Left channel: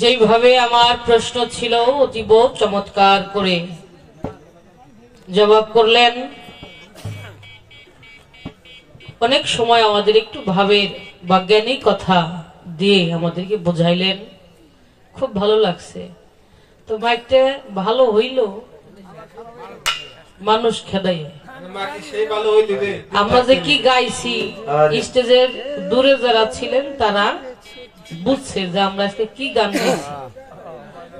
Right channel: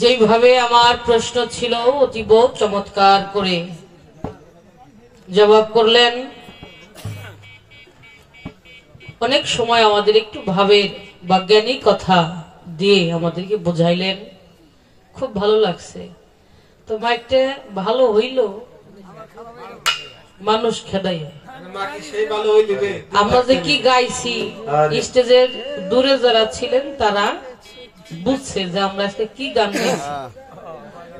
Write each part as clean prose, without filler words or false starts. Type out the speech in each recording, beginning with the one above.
যেভাবে আমার প্রশ্ন ছিল অতীব চমৎকার করে জবাব করলেন। অনেক সময় আমাদের একটু ভাবের বৈজ্ঞানিক কথা দিয়ে আমাদেরকে বোঝাইলেন, খুব ভালো লাগছে। তো মাইকটা ভালো হইল, মানুষ খেদাই আমরা যে কি গাইছি স্টেজের দূরে যারা ছিলেন তারা বুঝছে যে আমরা আজকে কি গান গাইছি।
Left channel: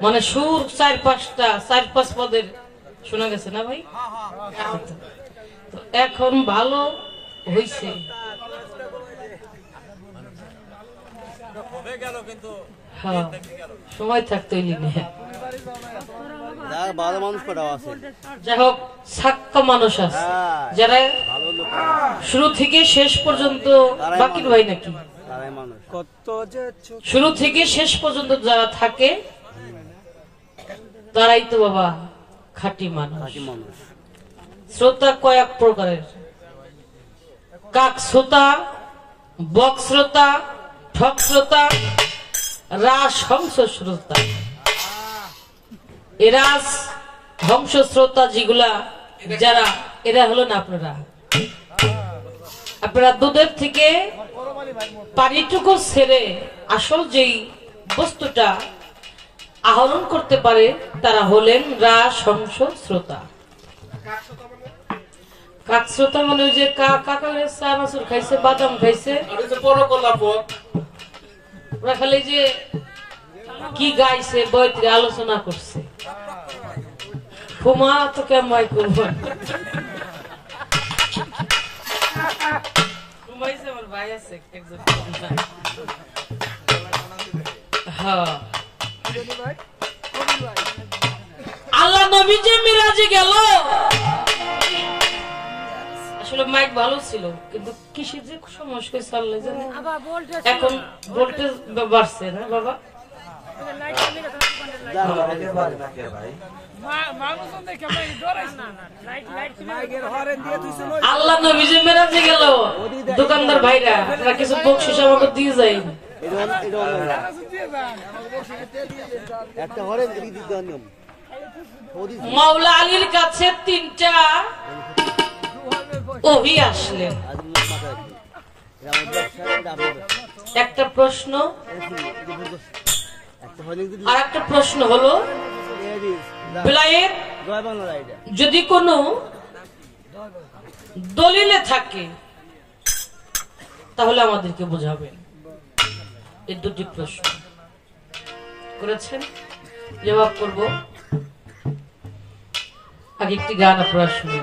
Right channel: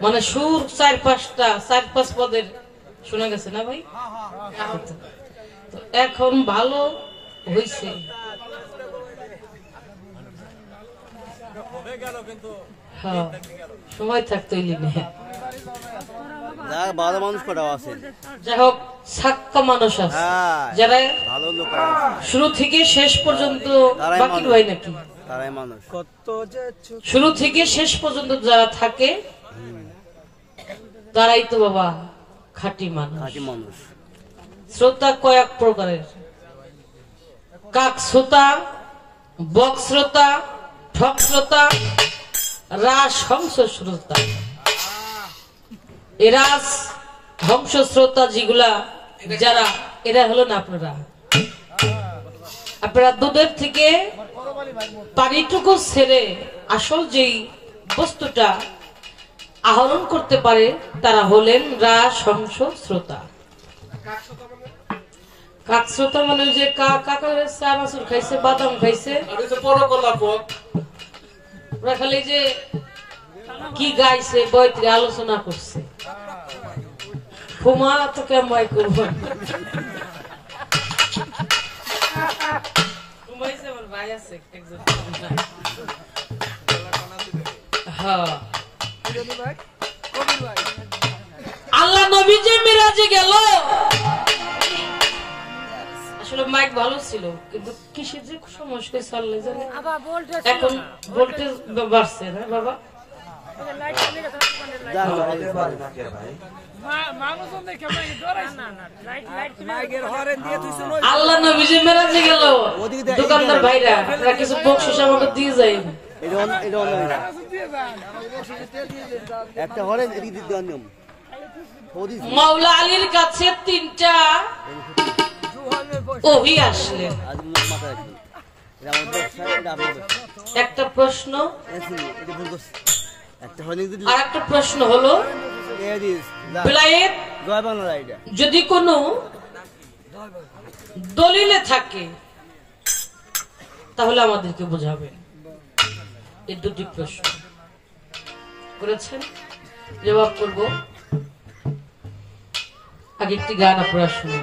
মানে সুর 4-5 পদের শোনা গেছে না ভাই? এখন ভালো হইছে। হ্যাঁ, সময় থাকতে যাই হোক, সাক্কা মানুষ আছে যারা শুরু থেকে শেষ পর্যন্ত, বাকির ভাই নাকি শুরু থেকে শেষ পর্যন্ত যারা থাকে তারাই তো বাবা খাঁটি মানুষ। শ্রোতা কয়েক প্রকারের, কাক শ্রোতা, বক শ্রোতা, ঠক শ্রোতা, রাস হংস শ্রোতা। এরাস হংস শ্রোতা যেগুলা যারা, এরা হলো না আপনারা দুধের থেকে পানিটুকু ছেড়ে আসল যেই বস্তুটা আহরণ করতে পারে তারা হলেন রাস হংস শ্রোতা। কাক শ্রোতা মানে ওই যে চা মাসুর খাইছে, বাদাম খাইছে, ওরা খালি যে কি গাইছে বইতে আলোচনা করছে। ফুমা তো কেমন করবো, আমার ভাই আছে একজন। হ্যাঁ, আল্লাহ নবী যে মিরাজে গেল, আসলে মাইক ভালো ছিল কিন্তু কিসের যে সমস্যা আল্লাহ জানে। এখন ভোল্টেজ বাড়ছে না বাবা? আল্লাহ নবী যে মেরাজে গেল, দোকানদার ভাইরা আপনারা কিছু বকশিস আমাকে দিয়ে যায়। মাওলা আলীর কাছে 3টা ওহী আসলেন। একটা প্রশ্ন আর একটা প্রশ্ন হলো, বেলায়েত যদি কোনো দলিলে থাকে তাহলে আমাদেরকে বোঝাবেন। এই দুটি প্রশ্ন করেছেন, জবাব করব। আগে একটি গান আপনারা শুনুন।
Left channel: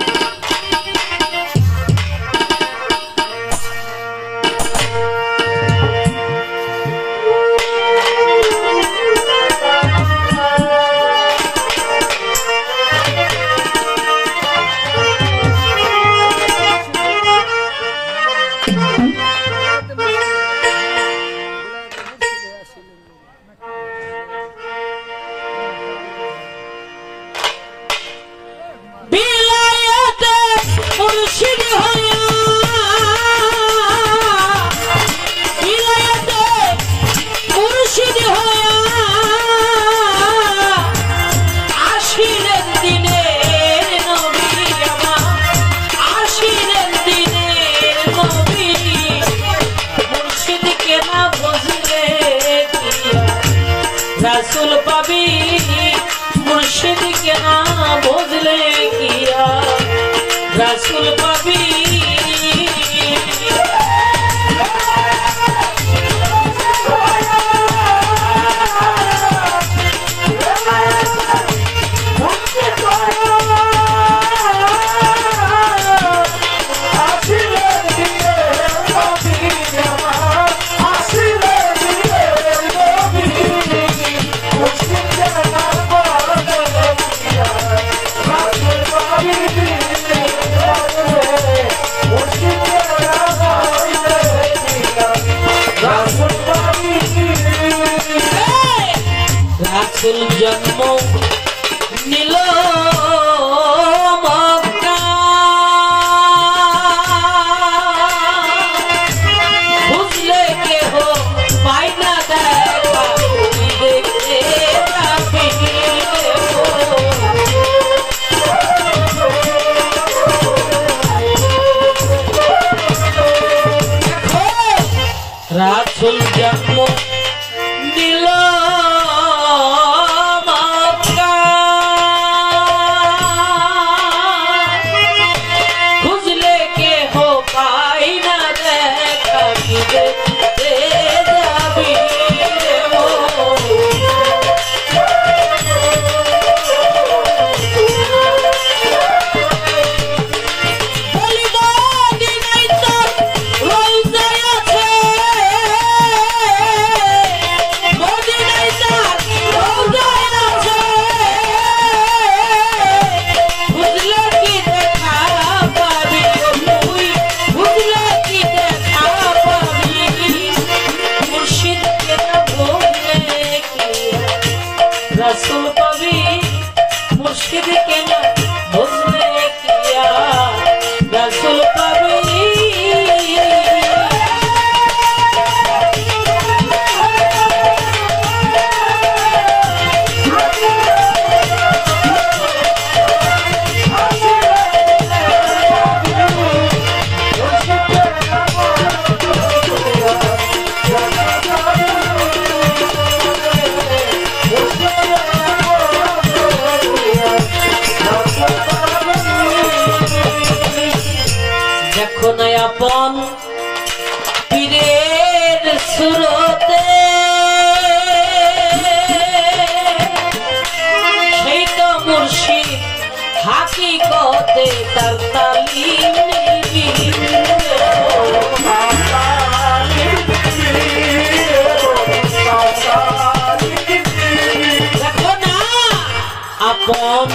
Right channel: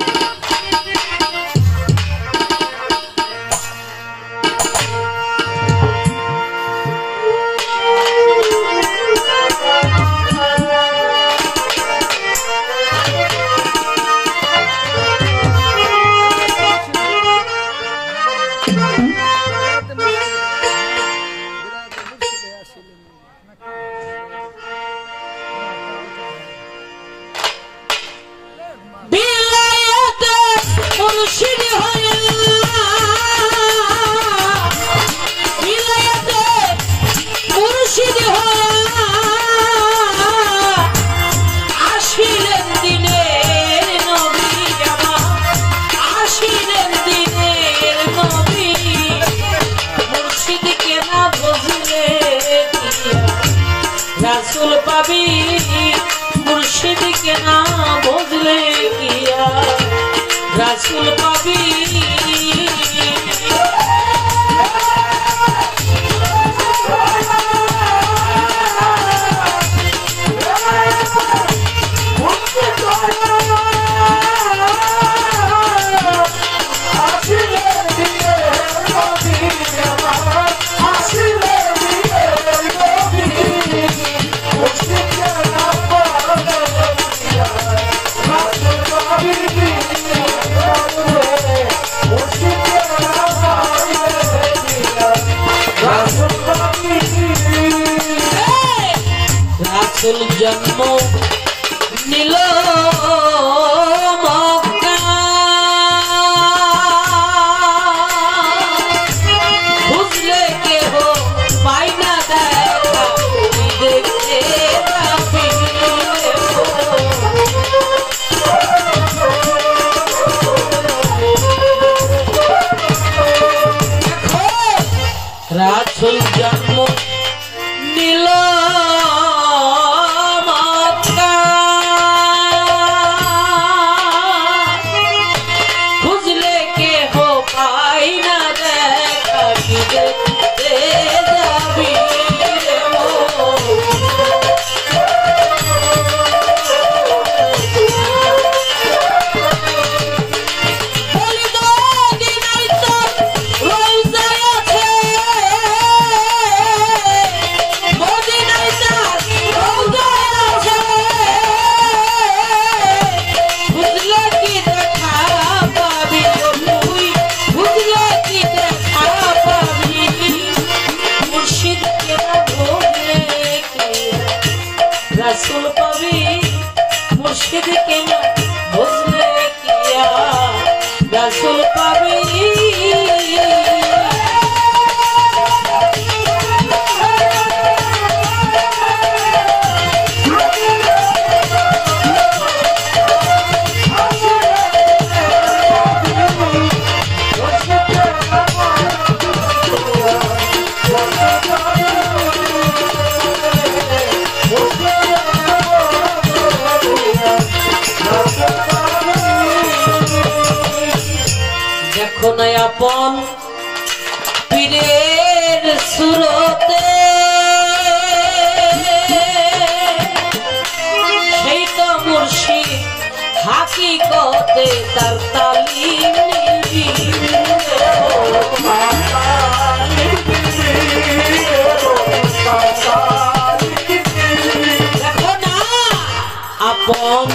রাসূল পাবি মুর্শিদ কে না বুঝলে কিয়া, রাসূল পাবি। রাসূল জন্ম নিল মক্কা, বুঝলে কেহ পাই না দেখা, রাসূল জন্ম নিল খুঁজলে কেহ পাই না দেখা কি দেখতে যাবি রাসূল পাবি মুর্শিদ কেন বুঝলে কিয়া রাসূল পাবি দেখো না আপন পীরের সুরতে সেই তো মুর্শিদ হাকিকতে তার তালিম নিবি দেখো না আপন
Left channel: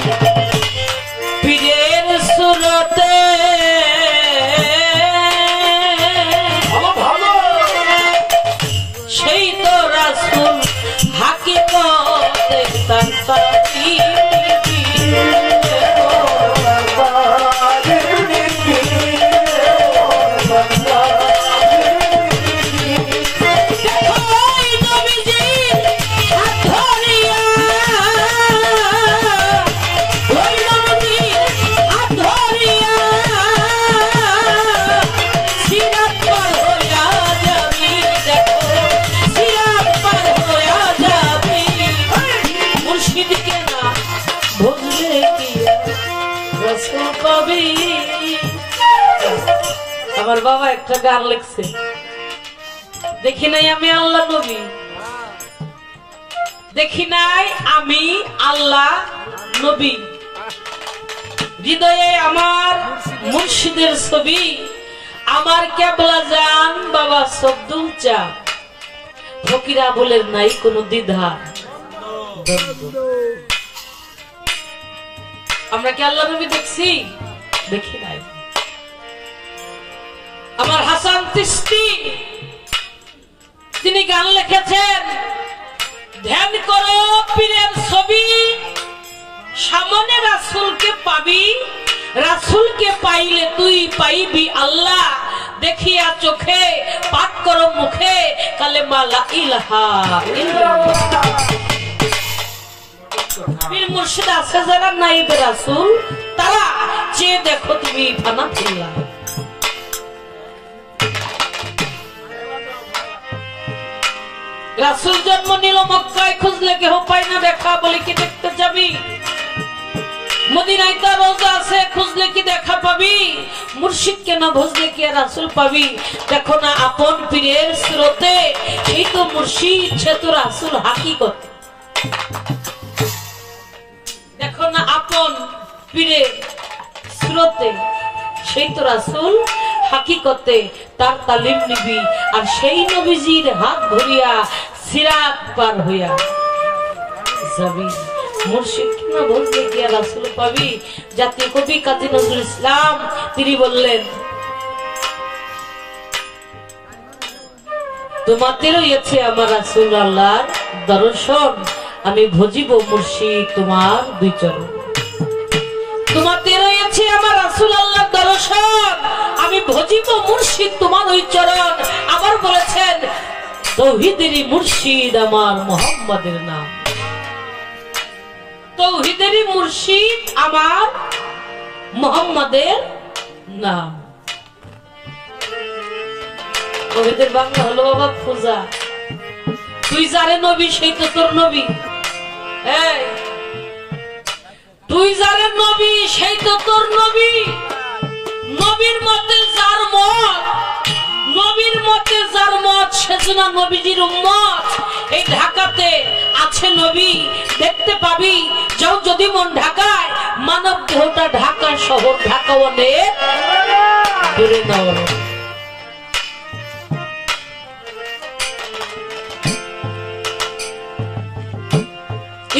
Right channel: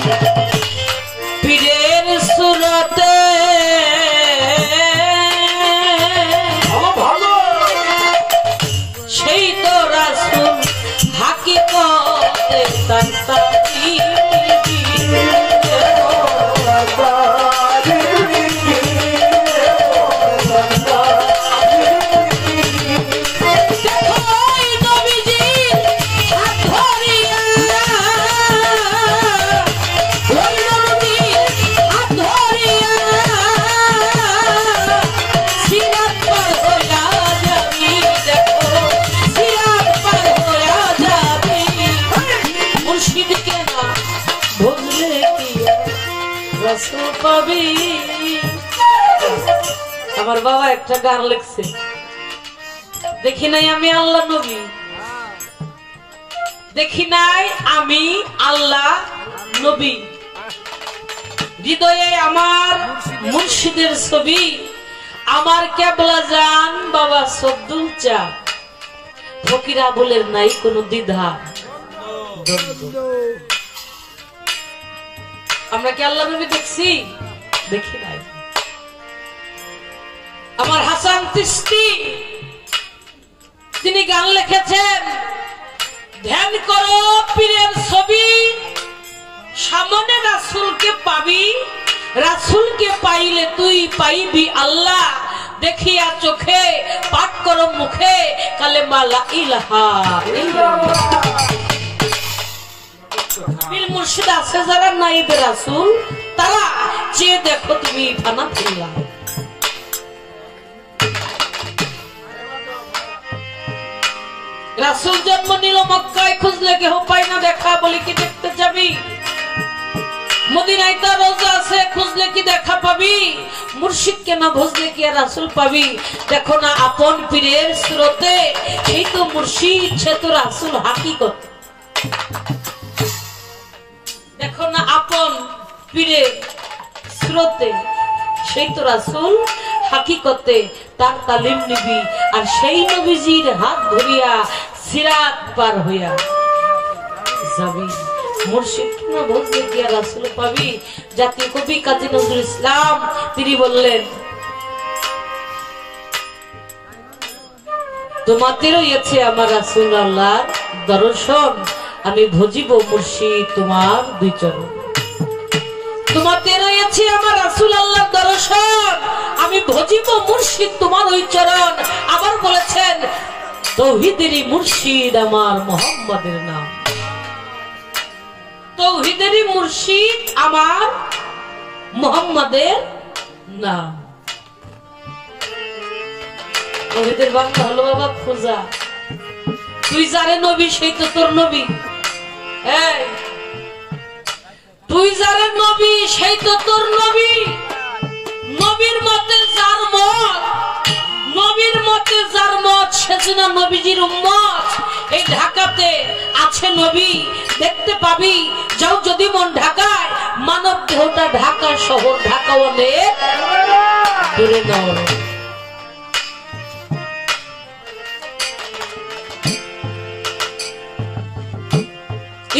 পীরের সুরতে সেই তো রাসূল হাকিকতে তার তালিম নিবি আমার বাবা একটা গান লিখছে দেখি নাই আমি আল্লাহ নবী দেখি নাই আমি আল্লাহ নবী হৃদয়ে আমার মুর্শিদের ছবি আমার কেবলা জান বাবা সদ্দুল চা ফকিরা বলে নাই কোনো দ্বিধা আমরা কি আল্লাহ নবী দেখছি দেখি নাই আমার হাসান চিশতি তিনি গান লিখেছেন ধ্যান করো পীরের ছবি সামনে রাসূলকে পাবি রাসূলকে পাইলে তুই পাইবি আল্লাহ দেখিয়া চোখে পাঠ করো মুখে কালেমা লা ইলাহা ইল্লাল্লাহ পীর মুর্শিদ আছে যারা নাইবে রাসূল তারা চেয়ে দেখো তুমি ফানা ফিল্লাহ রাসূল জন্ম নিল মক্কায় খুঁজলে কেহ পায় না দেখা বলে কি দেখতে যাবি মদিনায় তার রওজা আছে খুঁজলে কি দেখা পাবি মুর্শিদ কেন খুঁজলে কি রাসূল পাবি দেখো না আপন পীরের সুরতে সেই তো মুর্শিদ সে তো রাসূল হাকিকত দেখো না আপন পীরের সুরতে সেই তো রাসূল হাকিকতে তার তালিম নিবি আর সেই নবীজির হাত ধরিয়া সিরাত পার হইয়া যাবি মুর্শিদ না বলতে গিয়া রাসূল পাবি জাতীয় কবি কাজী নজরুল ইসলাম তিনি বললেন তোমাতে রয়েছে আমার রাসূল আল্লাহর দর্শন আমি ভজিব মুর্শিদ তোমার দুই চরণ তোমাতে রয়েছে আমার রাসূল আল্লাহর দর্শন আমি ভজিব মুর্শিদ তোমার ওই চরণ আবার বলেছেন তৌহিদেরই মুর্শিদ আমার মুহাম্মাদের নাম তৌহিদেরই মুর্শিদ আমার মুহাম্মাদের নাম ওদের বাংলা হলো বাবা খোঁজা। তুই যারে নবী সেই তো তোর নবী। তুই যারে নবী সেই তো তোর নবী। নবীর মতে যার মত, নবীর মতে যার মত সেজন্য নবীজির উম্মত। এই ঢাকাতে আছে নবী, দেখতে পাবি। যাও যদি মন ঢাকায়, মানব দেহটা ঢাকা শহর, ঢাকা অনেক দূরে নয়।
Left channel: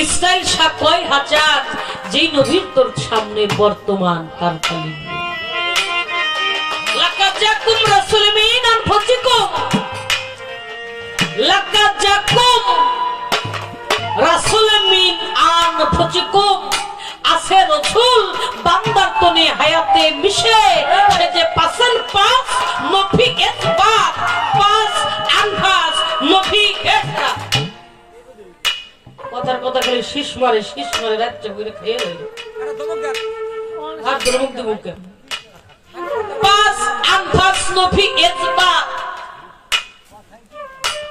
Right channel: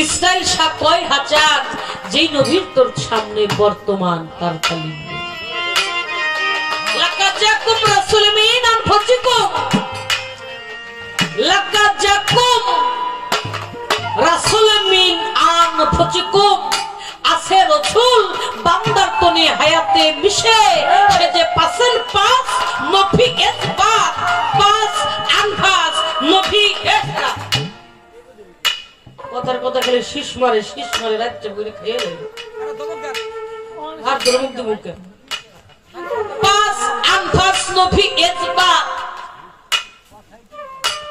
ইসরায়েল শাহ কয় হাজার, যেই নবীর তোর সামনে বর্তমান তার খালি লাকাদ জাকুম রাসূলুম মিন আনফুসিকুম, লাকাদ জাকুম রাসূলুম মিন আনফুসিকুম। আছে রাসূল বান্দার তনে হায়াতে মিশে, সে যে পাসন পাস নফি ইসবাত, পাস আনফাস নফি ইসরাত। কথার কথা খেলে শীষ মারে রাজ্য করে খেয়ে আর ধর্মুক দেবুকে পাস আনফাস নফি ইসবাত।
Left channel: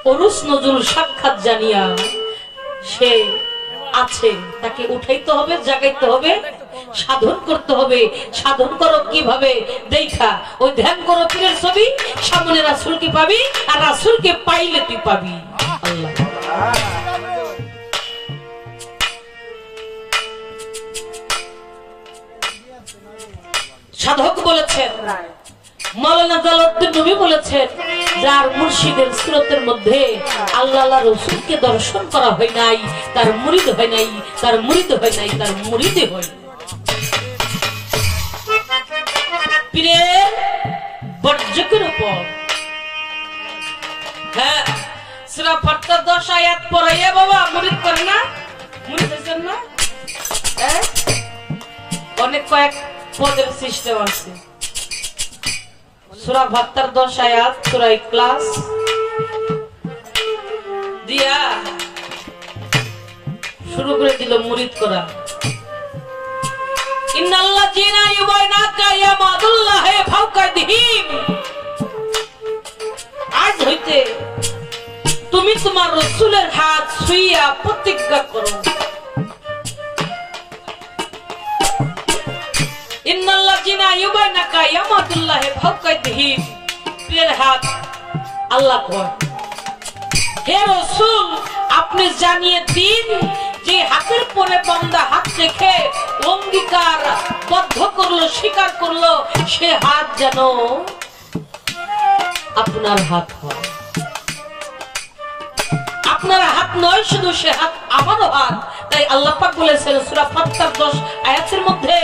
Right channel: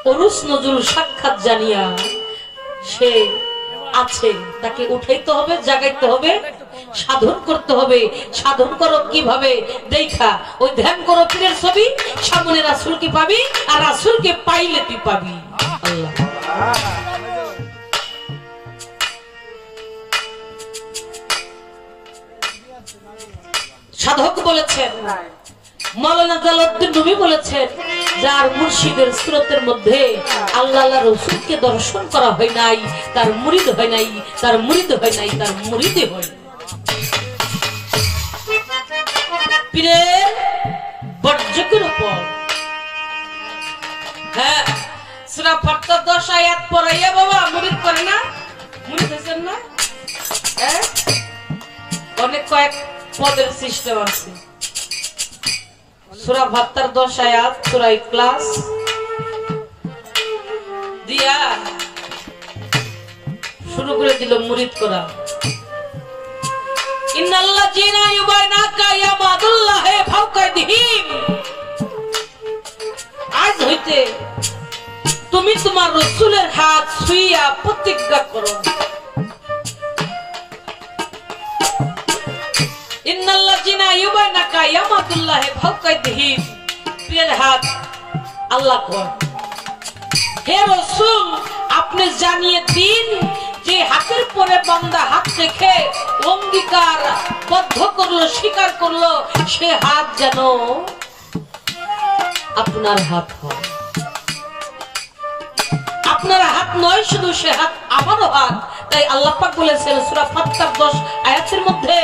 ওরুস নজরুল সাক্ষাৎ জানিয়া সে আছে, তাকে উঠাইতে হবে, জাগাইতে হবে, সাধন করতে হবে। সাধন করো কিভাবে দেখা, ওই ধ্যান করো পীরের ছবি, সামনে রাসূলকে পাবি, আর রাসূলকে পাইলে তুই পাবি আল্লাহ। সাধক বলেছেন, মাওলানা জালালউদ্দিন রুমি বলেছেন, যার মুর্শিদের সুরতের মধ্যে আল্লাহ রাসূলকে দর্শন করা হয় নাই, তার মুরিদ হয় নাই, তার মুরিদ হয় নাই, তার মুরিদে হয়। পীরের বর্জকের উপর সূরা ফাতিহা 10 আয়াত পড়াইয়া বাবা মুরিদ করে না, মুরিদ হয়েছেন না? অনেক কয়েক পদের সিস্টেম আছে। সূরা ফাতিহার 10 আয়াত সূরা ইখলাস দিয়া শুরু করে দিল মুরিদ করা। ইন্নাল্লাযীনা ইউবাইনাকা ইয়ামাদুল্লাহি ফাওকা আইদিহিম। আজ হইতে তুমি তোমার রাসূলের হাত ছুঁইয়া প্রতিজ্ঞা করো। ইন্নাল্লাযীনা ইউবাইনাকা ইয়ামাদুল্লাহি ফাওকা আইদিহিম। পীরের হাত আল্লাহ কয়, হে রাসূল আপনি জানিয়ে দিন যে হাতের পরে বান্দা হাত রেখে অঙ্গীকার বদ্ধ করলো, স্বীকার করলো, সে হাত যেন আপনার হাত হয়। আপনার হাত নয় শুধু, সে হাত আমারও হাত। তাই আল্লাহ পাক বলেছেন সূরা ফাতিহার 10 আয়াতের মধ্যে,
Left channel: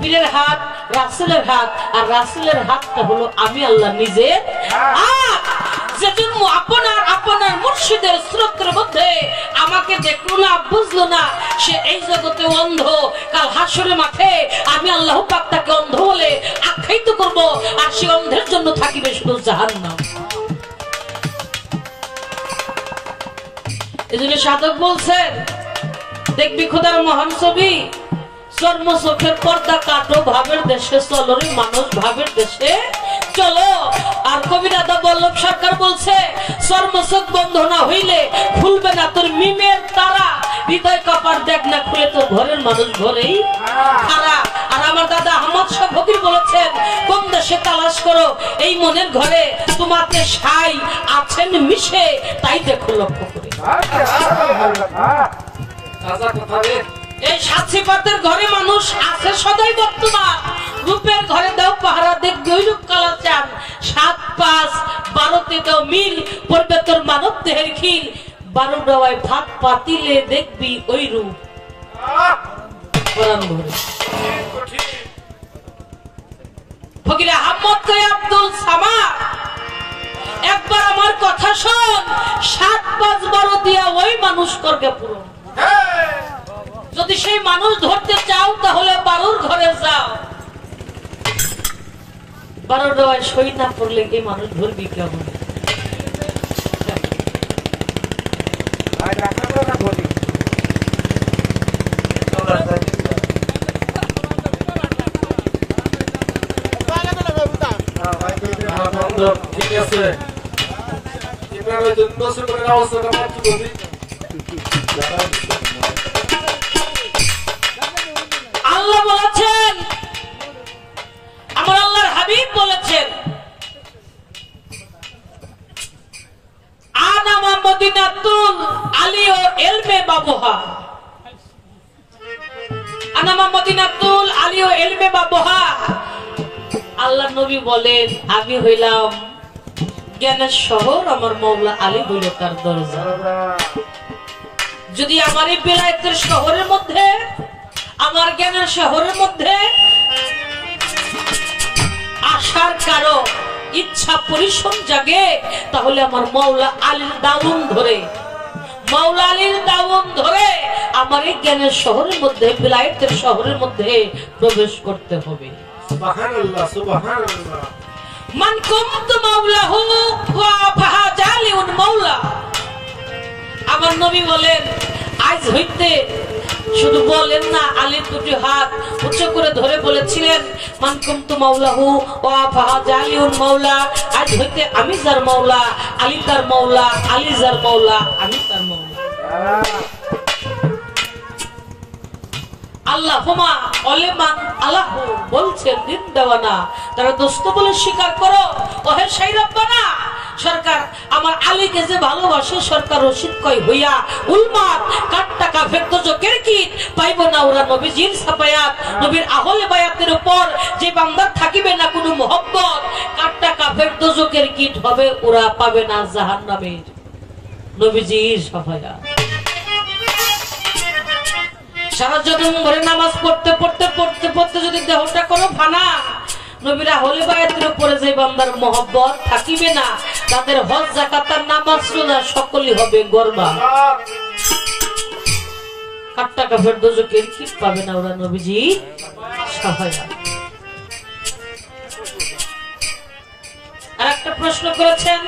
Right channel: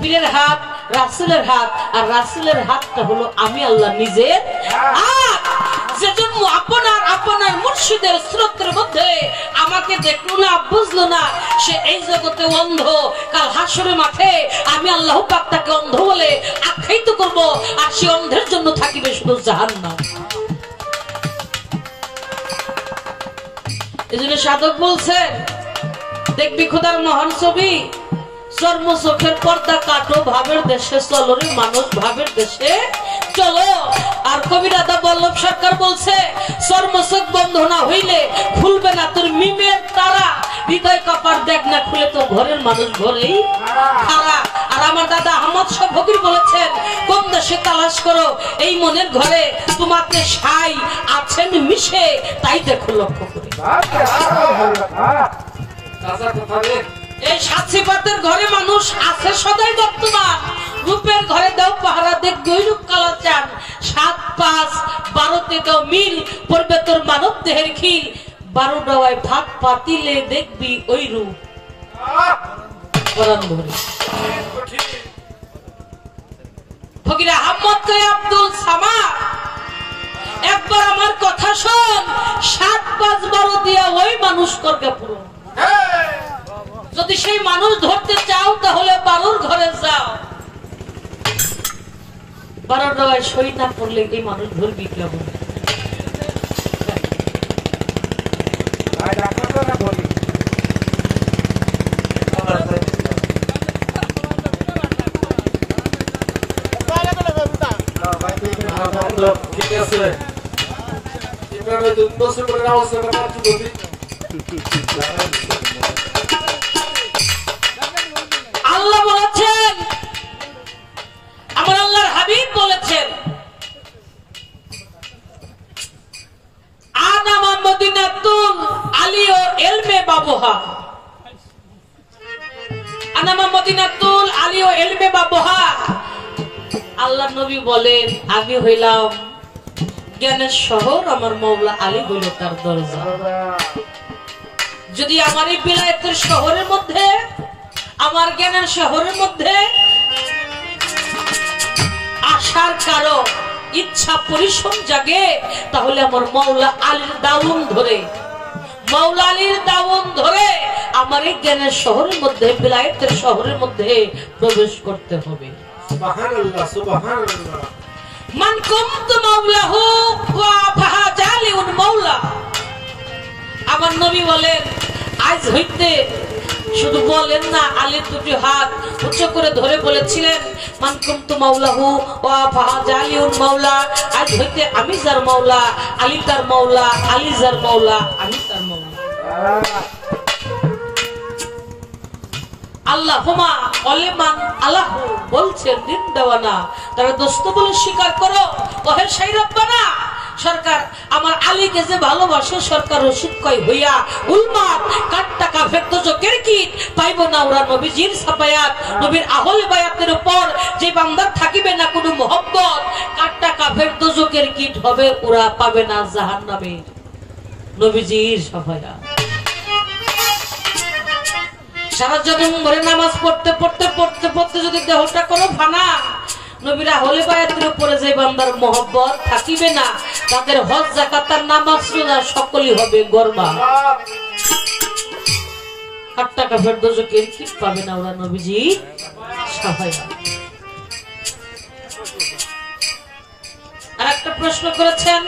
পীরের হাত রাসূলের হাত, আর রাসূলের হাতটা হলো আমি আল্লাহ নিজের হাত। যেজন্য আপনার মুর্শিদের স্রোতের মধ্যে আমাকে দেখলো না, বুঝলো না, সে এই জগতে অন্ধ। কাল হাসরের মাঠে আমি আল্লাহ পাক তাকে অন্ধ বলে আখ্যায়িত করব, আর সে অন্ধের জন্য থাকিবে শুধু জাহান্নাম। এই জন্য সাধক বলছেন, দেখবি খোদার মহান ছবি, চর্ম চোখের পর্দা কাটো, ভাবের দেশে চলো রে মানুষ, ভাবের দেশে চলো। আর কবি রাধা বল্লভ সরকার বলছে, চর্ম চোখ বন্ধ না হইলে খুলবে না তোর মিমের তারা, হৃদয় কপার দেখ না খুলে তোর ঘরের মানুষ ঘরেই খারা। আর আমার দাদা আহমদ শাহ ফকির বলেছেন, কোন দেশে তালাশ করো এই মনের ঘরে, তোমাকে সাই আছেন মিশে, তাই দেখো লক্ষ্য করে। এই সাতসিপাতের ঘরে মানুষ আছে সদাই বর্তমান, রূপের ঘরে দাও পাহারা দেখবে ওই রূপ কালা চান, 7, 5, 12 দাও মিল পড়বে তোর মানব দেহের খিল, 12 ডাওয়ায় ভাত পাতিলে দেখবি ওই রূপ ফকির আহমদ কয় আব্দুল সামাদ, একবার আমার কথা শোন, 7, 5, 12 দিয়া ওই মানুষ করবে পুরো। যদি সেই মানুষ ধরতে চাও তাহলে 12 ঘরে যাও, 12 দেওয়ায় সই না করলে এই মানুষ ধরবি কেমন? ঠিক আছে। আছে আল্লাহ বলেছেন, আমার আল্লাহর হাবিব বলেছেন, আনামা মদিনাতুল আলিও এলমে বাবুহা, আনামা মদিনাতুল আলিও এলমে বাবুহা। আল্লাহ নবী বলেন, আমি হইলাম জ্ঞানের শহর, আমার মওলা আলী হইল তার দরজা। যদি আমার এই বিলায়েতের শহরের মধ্যে, আমার জ্ঞানের শহরের মধ্যে আসার কারো ইচ্ছা পরিশ্রম জাগে, তাহলে আমার মওলা আলীর দাউন ধরে, মওলা আলীর দাউন ধরে আমার এই জ্ঞানের শহরের মধ্যে, বিলায়েতের শহরের মধ্যে প্রবেশ করতে হবে। সুবহানাল্লাহ, সুবহানাল্লাহ। মান কুনতু মাওলাহু ওয়া ফাহাজালিউন মাওলা। আমার নবী বলেন, আজ হইতে শুধু বলেন না, আলীর দুটি হাত উচ্চ করে ধরে বলেছিলেন, মান কুনতু মাওলাহু ওয়া ফাহাজালিউন মাওলা। আজ হইতে আমি যার মাওলা, আলী তার মাওলা, আলী যার মাওলা, আমি তার মাওলা। আল্লাহ হুমা ওলেমান আল্লাহ বলছেন দিন দেওয়ানা, তারা দোস্ত বলে স্বীকার করো। ওহে সেই রব্বানা, সরকার আমার আলীকে যে ভালোবাসে, সরকার রশিদ কয় হইয়া উলমাত কাট টাকা ভেক্ত জোকের কিট পাইব না ওরা নবীজির সাফায়াত। নবীর আহলে বায়াতের উপর যে বান্দার থাকিবে না কোনো মহব্বত, কাট টাকা ভেক্ত জোকের কিট হবে, ওরা পাবে না জাহান্নামের নবীজির সাফায়াত। সারা জনম ভরে নামাজ পড়তে পড়তে পড়তে পড়তে যদি দেহটা কোনো ফানা, নবীরা হলে বায়াতের উপরে যে বান্দার মহব্বত থাকিবে না, তাদের হজ যাকাত আর নামাজ রোজা সকলই হবে গরবা। 8 টাকা ফেরদৌসের কি পাবে না ওরা নবীজি সাফায়াত। আর একটা প্রশ্ন করেছেন,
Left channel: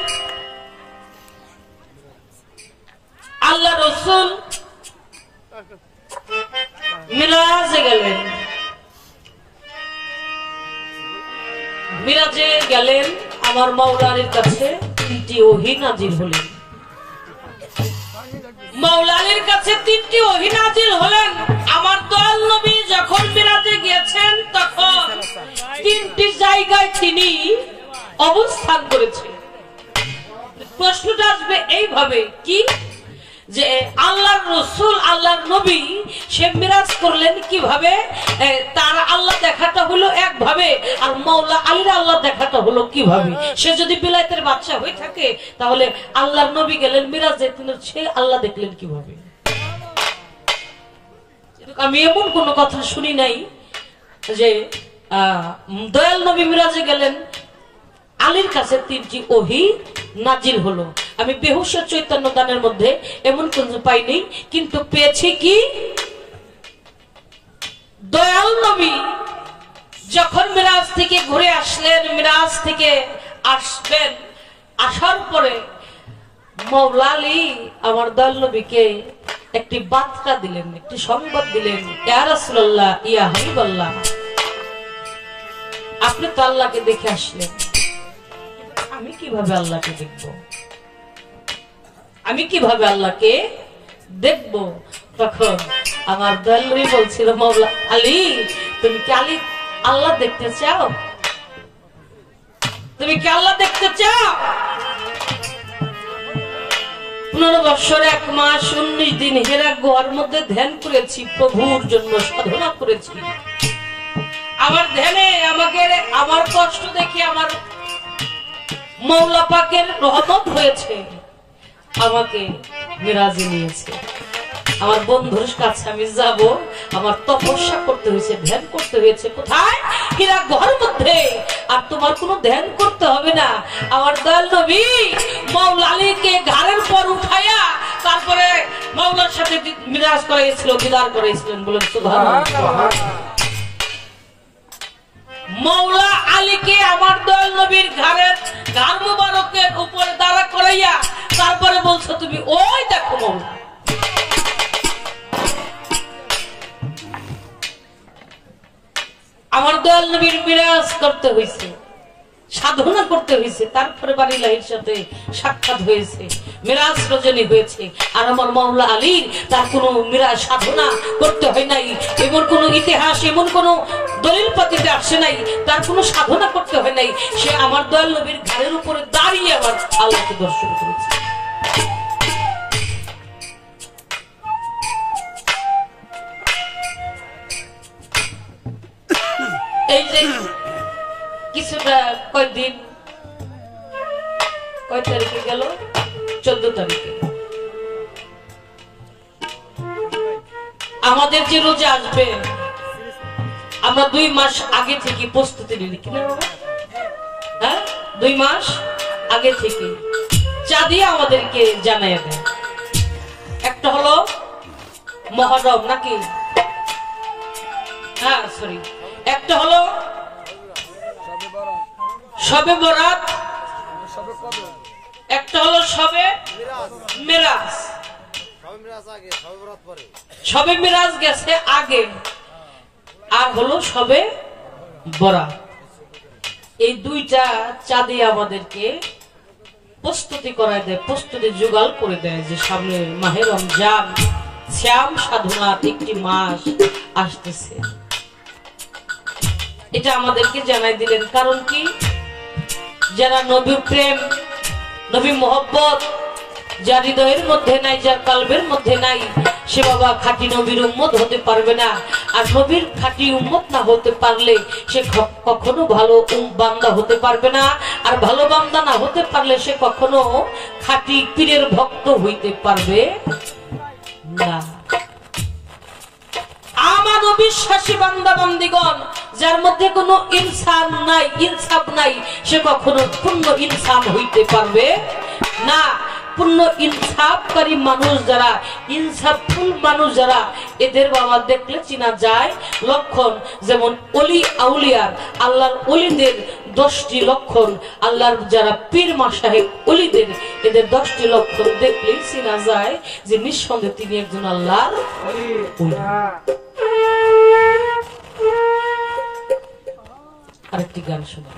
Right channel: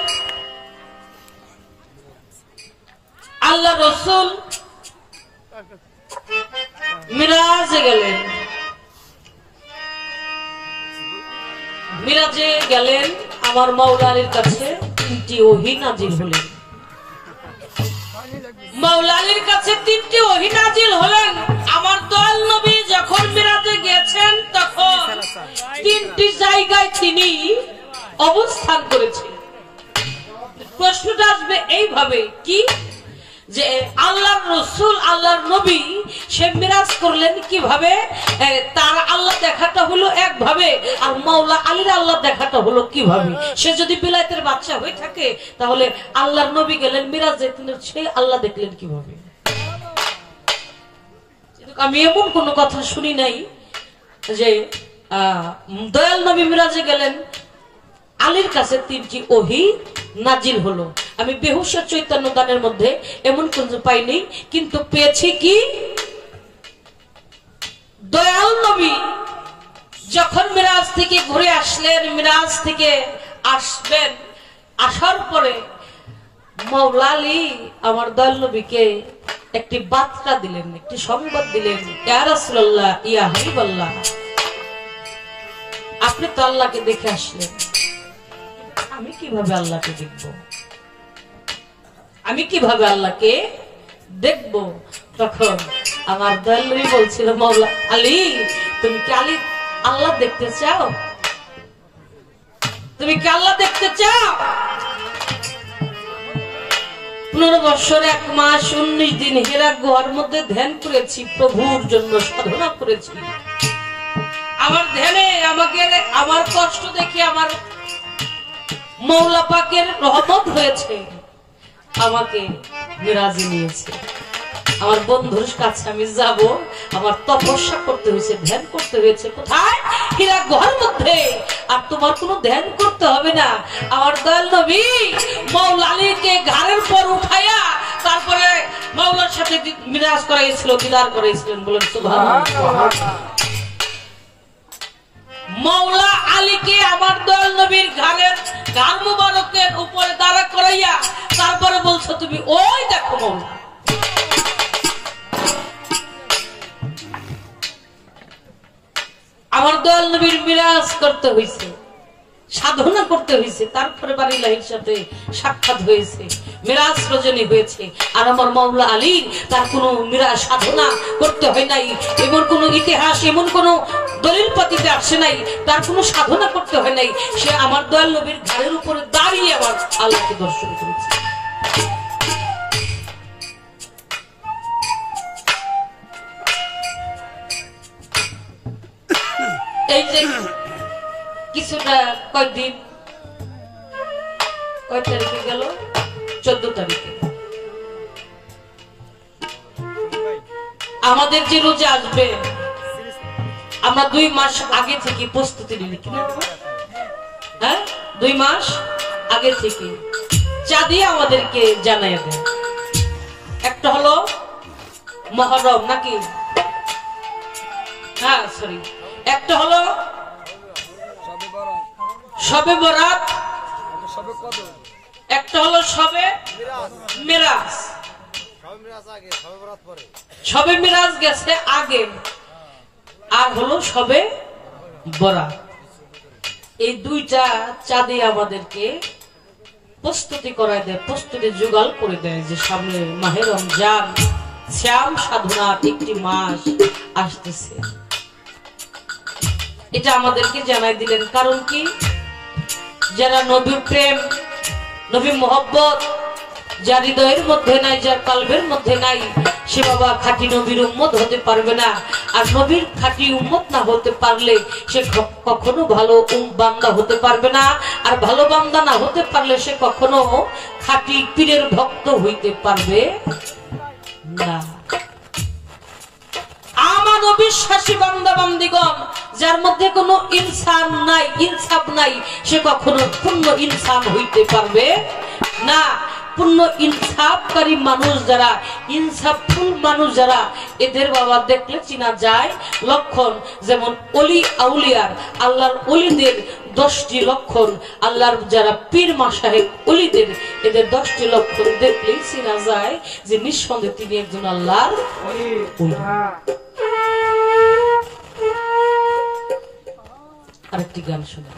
আল্লাহ রসুল মিরাজে গেলেন, মিরাজে গেলেন, আমার মাওলার কাছে 3টি ওহী নাজিল হলেন। মাওলার কাছে 3টি ওহী নাজিল হলেন। আমার দয়াল নবী যখন মিরাজে গিয়েছেন, তখন 3টি জায়গায় তিনি অবস্থান করেছেন। প্রশ্নটা আসবে এইভাবে, কি যে আল্লাহর রসুল, আল্লাহর নবী সে মিরাজ করলেন কিভাবে? তার আল্লাহ দেখাটা হলো একভাবে, আর মাওলা আলীর আল্লাহ দেখাটা হলো কিভাবে? সে যদি বিলায়েতের বাদশা হয়ে থাকে, তাহলে আল্লাহর নবী গেলেন মিরাজে, তিনি সেই আল্লাহ দেখলেন কিভাবে? আমি এমন কোন কথা শুনি নাই যে দয়াল নবী মিরাজে গেলেন, আলীর কাছে 3টি ওহী নাজিল হলো। আমি বেহুশের চৈতন্য দানের মধ্যে এমন কোন পাইনি, কিন্তু পেয়েছি কি, দয়াল নবী যখন মিরাজ থেকে ঘুরে আসলেন, মিরাজ থেকে আসবেন, আসার পরে মাওলা আলী আমার দয়াল নবীকে একটি বার্তা দিলেন, একটি সংবাদ দিলেন, ইয়া রাসূলুল্লাহ, ইয়া হাবিবাল্লাহ, আপনি তো আল্লাহকে দেখে আসলেন, আমি কিভাবে আল্লাহকে দেখব? আমি কিভাবে আল্লাহকে দেখব? তখন আমার দয়াল নবী বলছিল, মাওলা আলী, তুমি কি আল্লাহ দেখতে চাও? তুমি কি আল্লাহ দেখতে চাও? 15 বছর 1 মাস 19 দিন হেরা গুহার মধ্যে ধ্যান করেছি, প্রভুর জন্য সাধনা করেছি। আমার ধ্যানে আমাকে, আমার কষ্ট দেখে আমার মাওলা পাকের রহমত হয়েছে, আমাকে মিরাজে নিয়েছে। আমার বন্ধুর কাছে আমি যাব, আমার তপস্যা করতে হয়েছে, ধ্যান করতে হয়েছে। কোথায়? হীরা গুহার মধ্যে। আর তোমার কোনো ধ্যান করতে হবে না। আমার দয়াল নবী মাওলা আলীকে ঘাড়ের পর উঠাইয়া তারপরে মাওলার সাথে মিরাজ করাইছিল, দিদার করাইছিলেন। বলেন সুবহানাল্লাহ। মাওলা আলীকে আমার দয়াল নবীর ঘাড় মুবারকের উপরে দাঁড়া করাইয়া তারপরে বলছো, তুমি ওই দেখো মাওলা। আমার দয়াল নবীর মিরাজ করতে হয়েছে। সাধনা করতে হয়েছে, তারপরে বাড়িলাহির সাথে সাক্ষাৎ হয়েছে, মিরাজ রজনী হয়েছে। আর আমার মাওলা আলীর তার কোন মিরাজ সাধনা করতে হয় নাই, এমন কোন ইতিহাস, এমন কোন দলিল পাতিতে আসে নাই, তার কোন সাধনা করতে হয় নাই। সে আমার দয়াল নবীর ঘাড়ের উপরে দাঁড়িয়ে আমার আল্লাহকে দর্শন করেছে। এই যে কিছুটা কয়েকদিন, কয় তারিখে গেল, 14 তারিখে আমাদের যে রোজা আসবে, আমরা 2 মাস আগে থেকে প্রস্তুতি নিই কিনা, হ্যাঁ 2 মাস আগে থেকে চা দিয়ে আমাদেরকে জানাই দেয়। একটা হলো মহরম নাকি, হ্যাঁ সরি, একটা হলো শবে বরাত, একটা হলো শবে মিরাজ। শবে মিরাজ গেছে আগে, আর হলো শবে বরাত। এই 2টা চাঁদে আমাদেরকে প্রস্তুতি করায় দেয়, প্রস্তুতি জোগাড় করে দেয় যে সামনে মাহে রমজান, শ্যাম সাধনার একটি মাস আসতেছে। এটা আমাদেরকে জানাই দিলেন। কারণ কি, যারা নবীর প্রেম, নবী মোহব্বত যার হৃদয়ের মধ্যে নাই, যার কলবের মধ্যে নাই, সে বাবা খাঁটি নবীর উম্মত হতে পারবে না। আর নবীর খাঁটি উম্মত না হতে পারলে সে কখনো ভালো বান্দা হতে পারবে না। আর ভালো বান্দা না হতে পারলে সে কখনো খাঁটি পীরের ভক্ত হইতে পারবে না। আমার বিশ্বাসী বান্দা বান্দিগণ, যার মধ্যে কোনো ইনসান নাই, ইনসাফ নাই, সে কখনো পূর্ণ ইনসান হইতে পারবে না। পূর্ণ ইনসাফকারী মানুষ যারা, ইনসাফফুল মানুষ যারা, এদের বাবা দেখলে চিনা যায় লক্ষণ। যেমন অলি আউলিয়ার, আল্লাহর অলিদের 10টি লক্ষণ, আল্লাহর যারা পীর মাশায়েখ অলিদের, এদের 10টি লক্ষণ দেখলেই চিনা যায় যে নিঃসন্দেহে তিনি একজন আল্লাহর অলি। আরেকটি গান শোনা।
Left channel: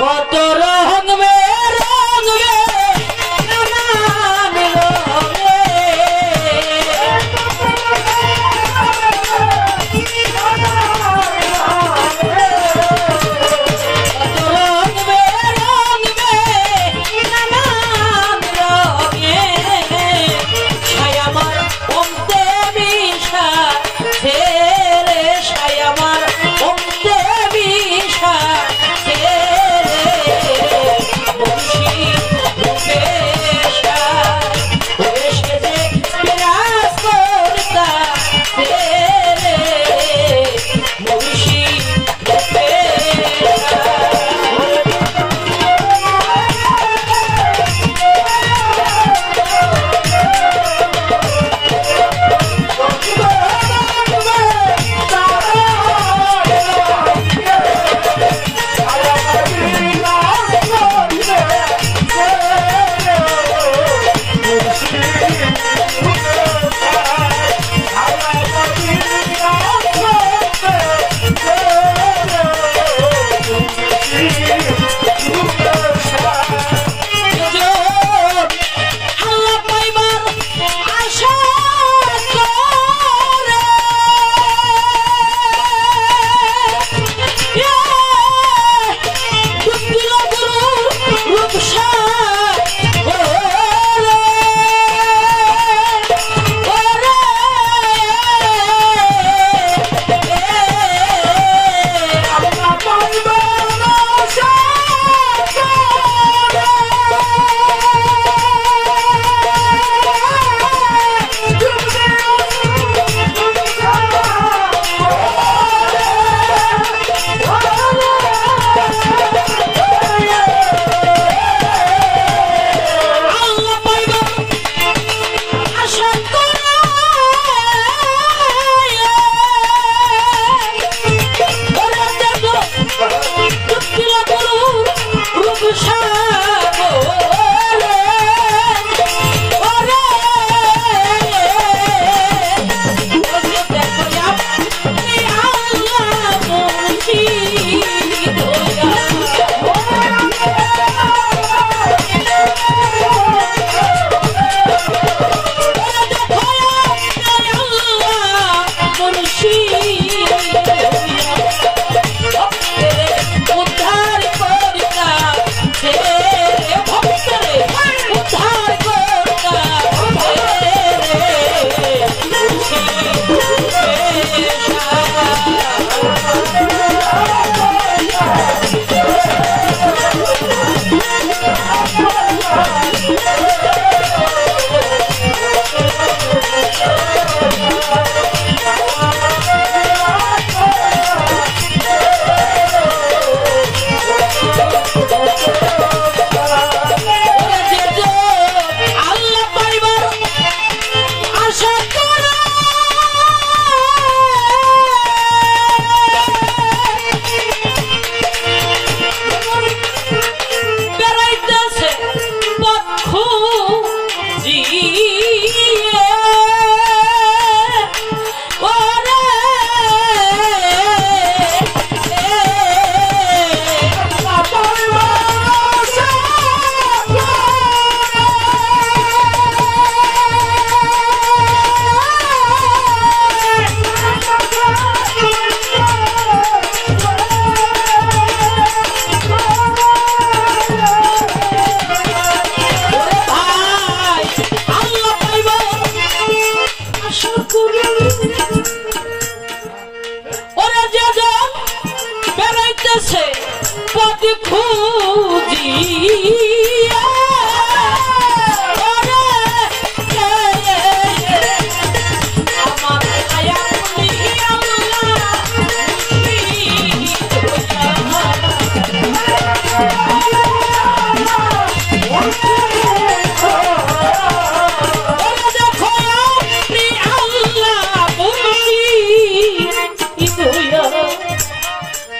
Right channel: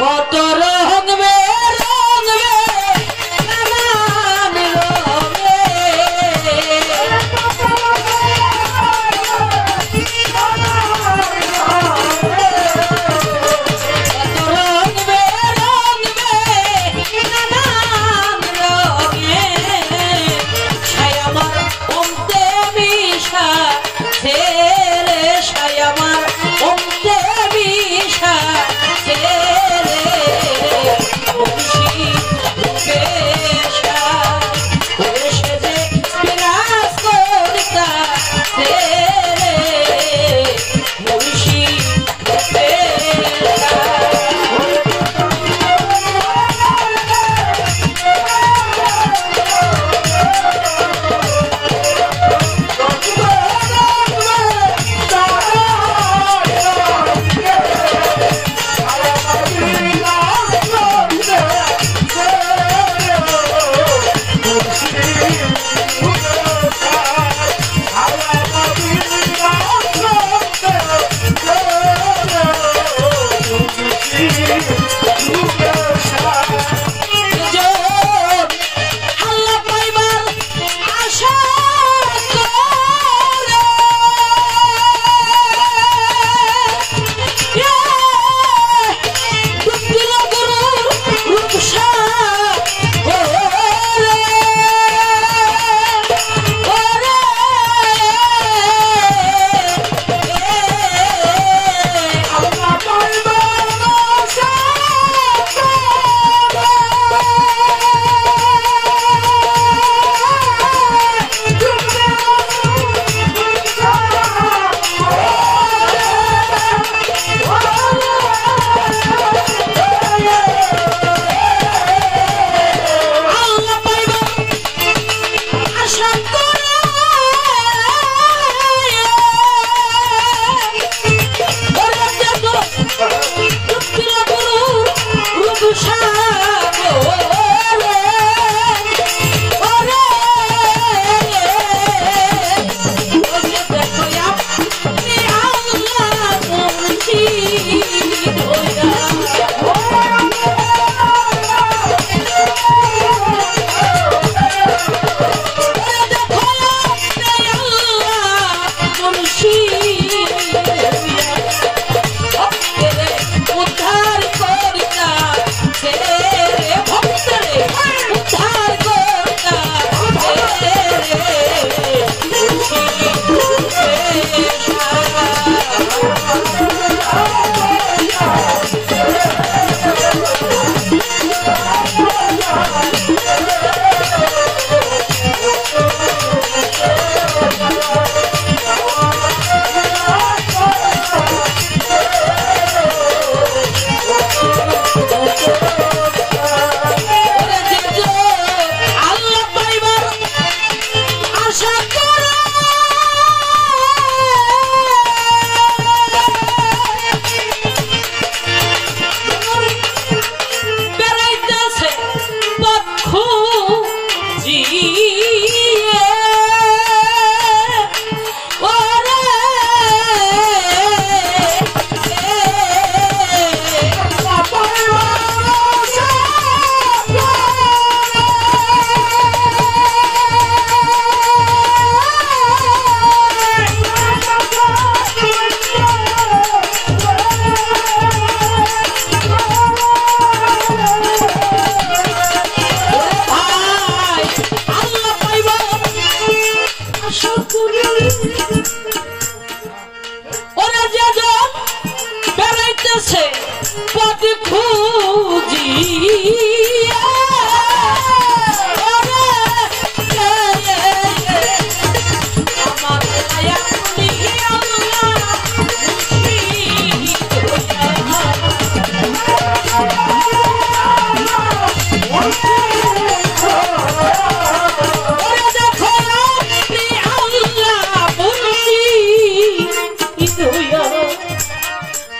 কত রঙ মে নামান রঙে, কত রঙ মে নামান রঙে, ছায়ামার অন্তে মিশা ছেলে, ছায়ামার অন্তে মিশা ছেলে,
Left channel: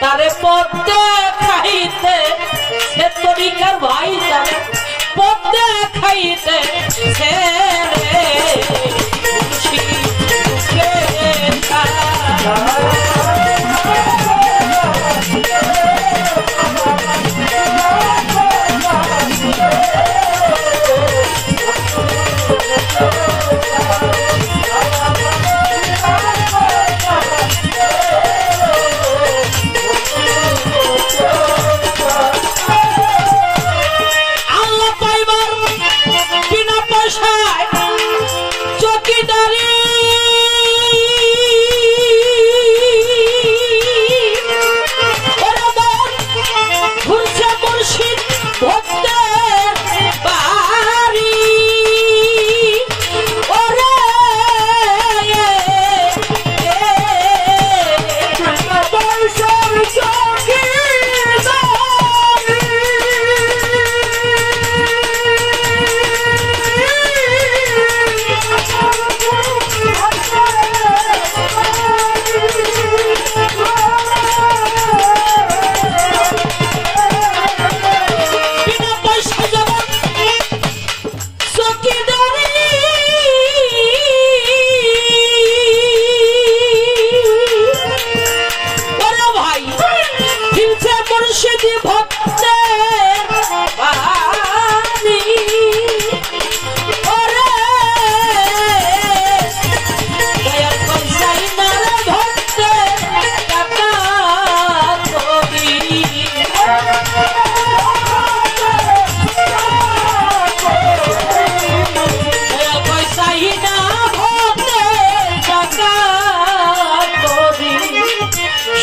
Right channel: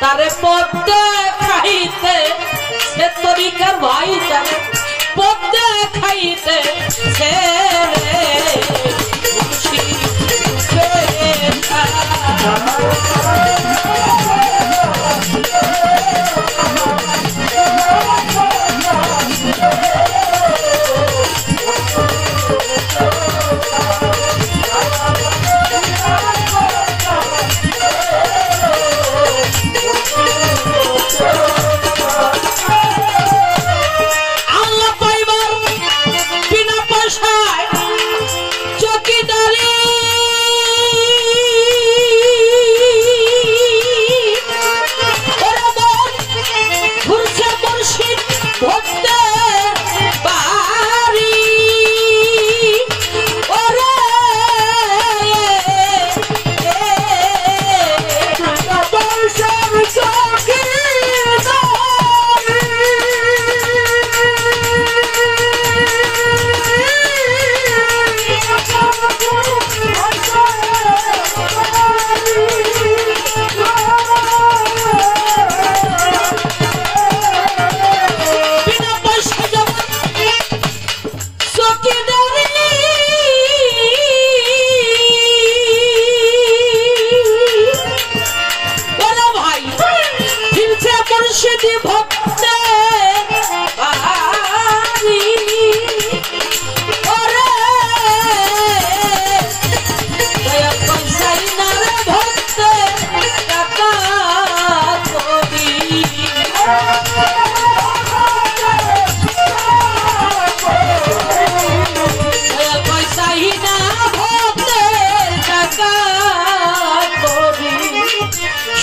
তারে পদ্মে খাইতে সে তরিকার ভাই, তারে পদ্মে খাইতে সে রে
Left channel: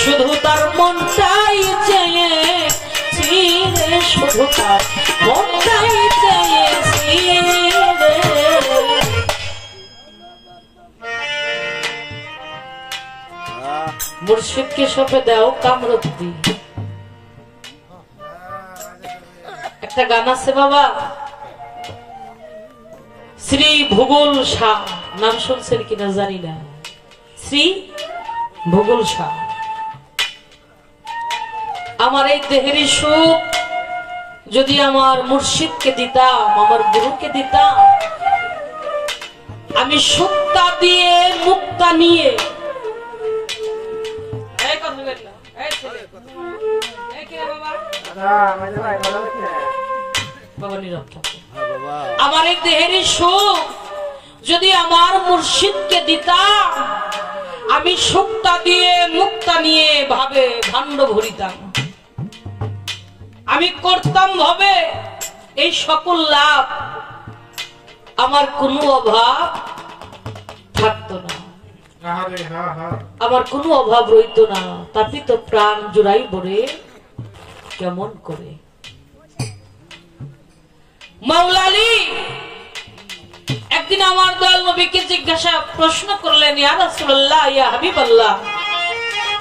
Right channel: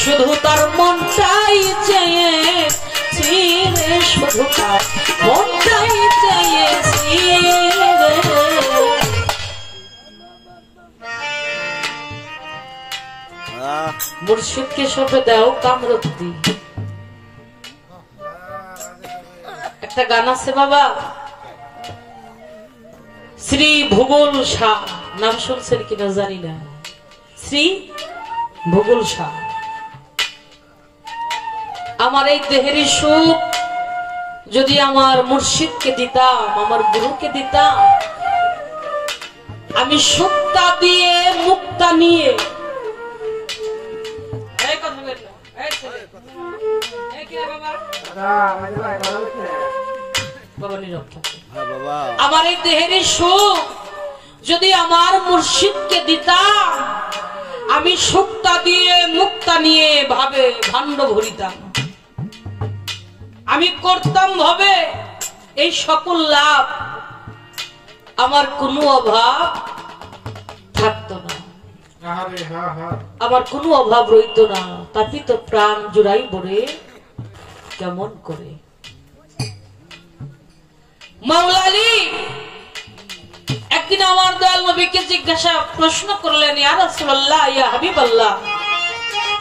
শুধু তার মনটাই চেয়েছি রে, শুধু তার মনটাই চেয়েছি রে। মুর্শিদকে সপে দাও কামরতি। একটা গান আছে বাবা, শ্রী ভূগোল শাহ, নাম শুনছেন কিনা জানি না, শ্রী ভূগোল শাহ। আমার এই দেহের সুখ যদি আমার মুর্শিদকে দিতাম, আমার গুরুকে দিতাম, আমি সুক্তা দিয়ে মুক্তা নিয়ে আমার এই দেহের সুখ যদি আমার মুর্শিদকে দিতাম, আমি সুক্তা দিয়ে মুক্তা নিয়ে ভাবে ভাণ্ড ভরিতাম, আমি করতাম ভাবে এই সকল লাভ, আমার কোনো অভাব থাকতো না, আমার কোনো অভাব রইত না। তাপিত প্রাণ জুড়াই বরে কেমন করে। মাওলা আলী একদিন আমার দয়াল নবীকে জিজ্ঞাসা প্রশ্ন করলেন, ইয়া রাসূলুল্লাহ, ইয়া হাবিবাল্লাহ,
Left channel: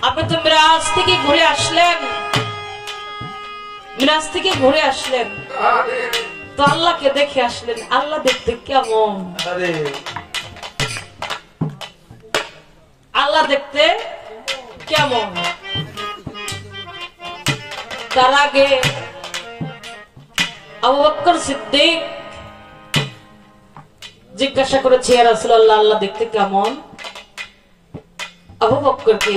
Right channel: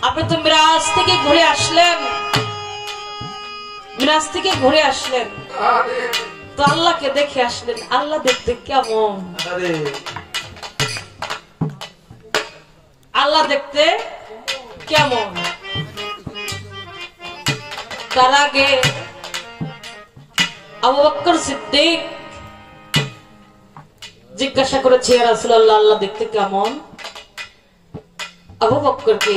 আপনি তো মিরাজ থেকে ঘুরে আসলেন, মিরাজ থেকে ঘুরে আসলেন, তো আল্লাহকে দেখে আসলেন, আল্লাহ দেখতে কেমন? আল্লাহ দেখতে কেমন? তার আগে আবু বকর সিদ্দিক জিজ্ঞাসা করেছে, ইয়া রাসূলুল্লাহ, আল্লাহ দেখতে কেমন? আবু বকরকে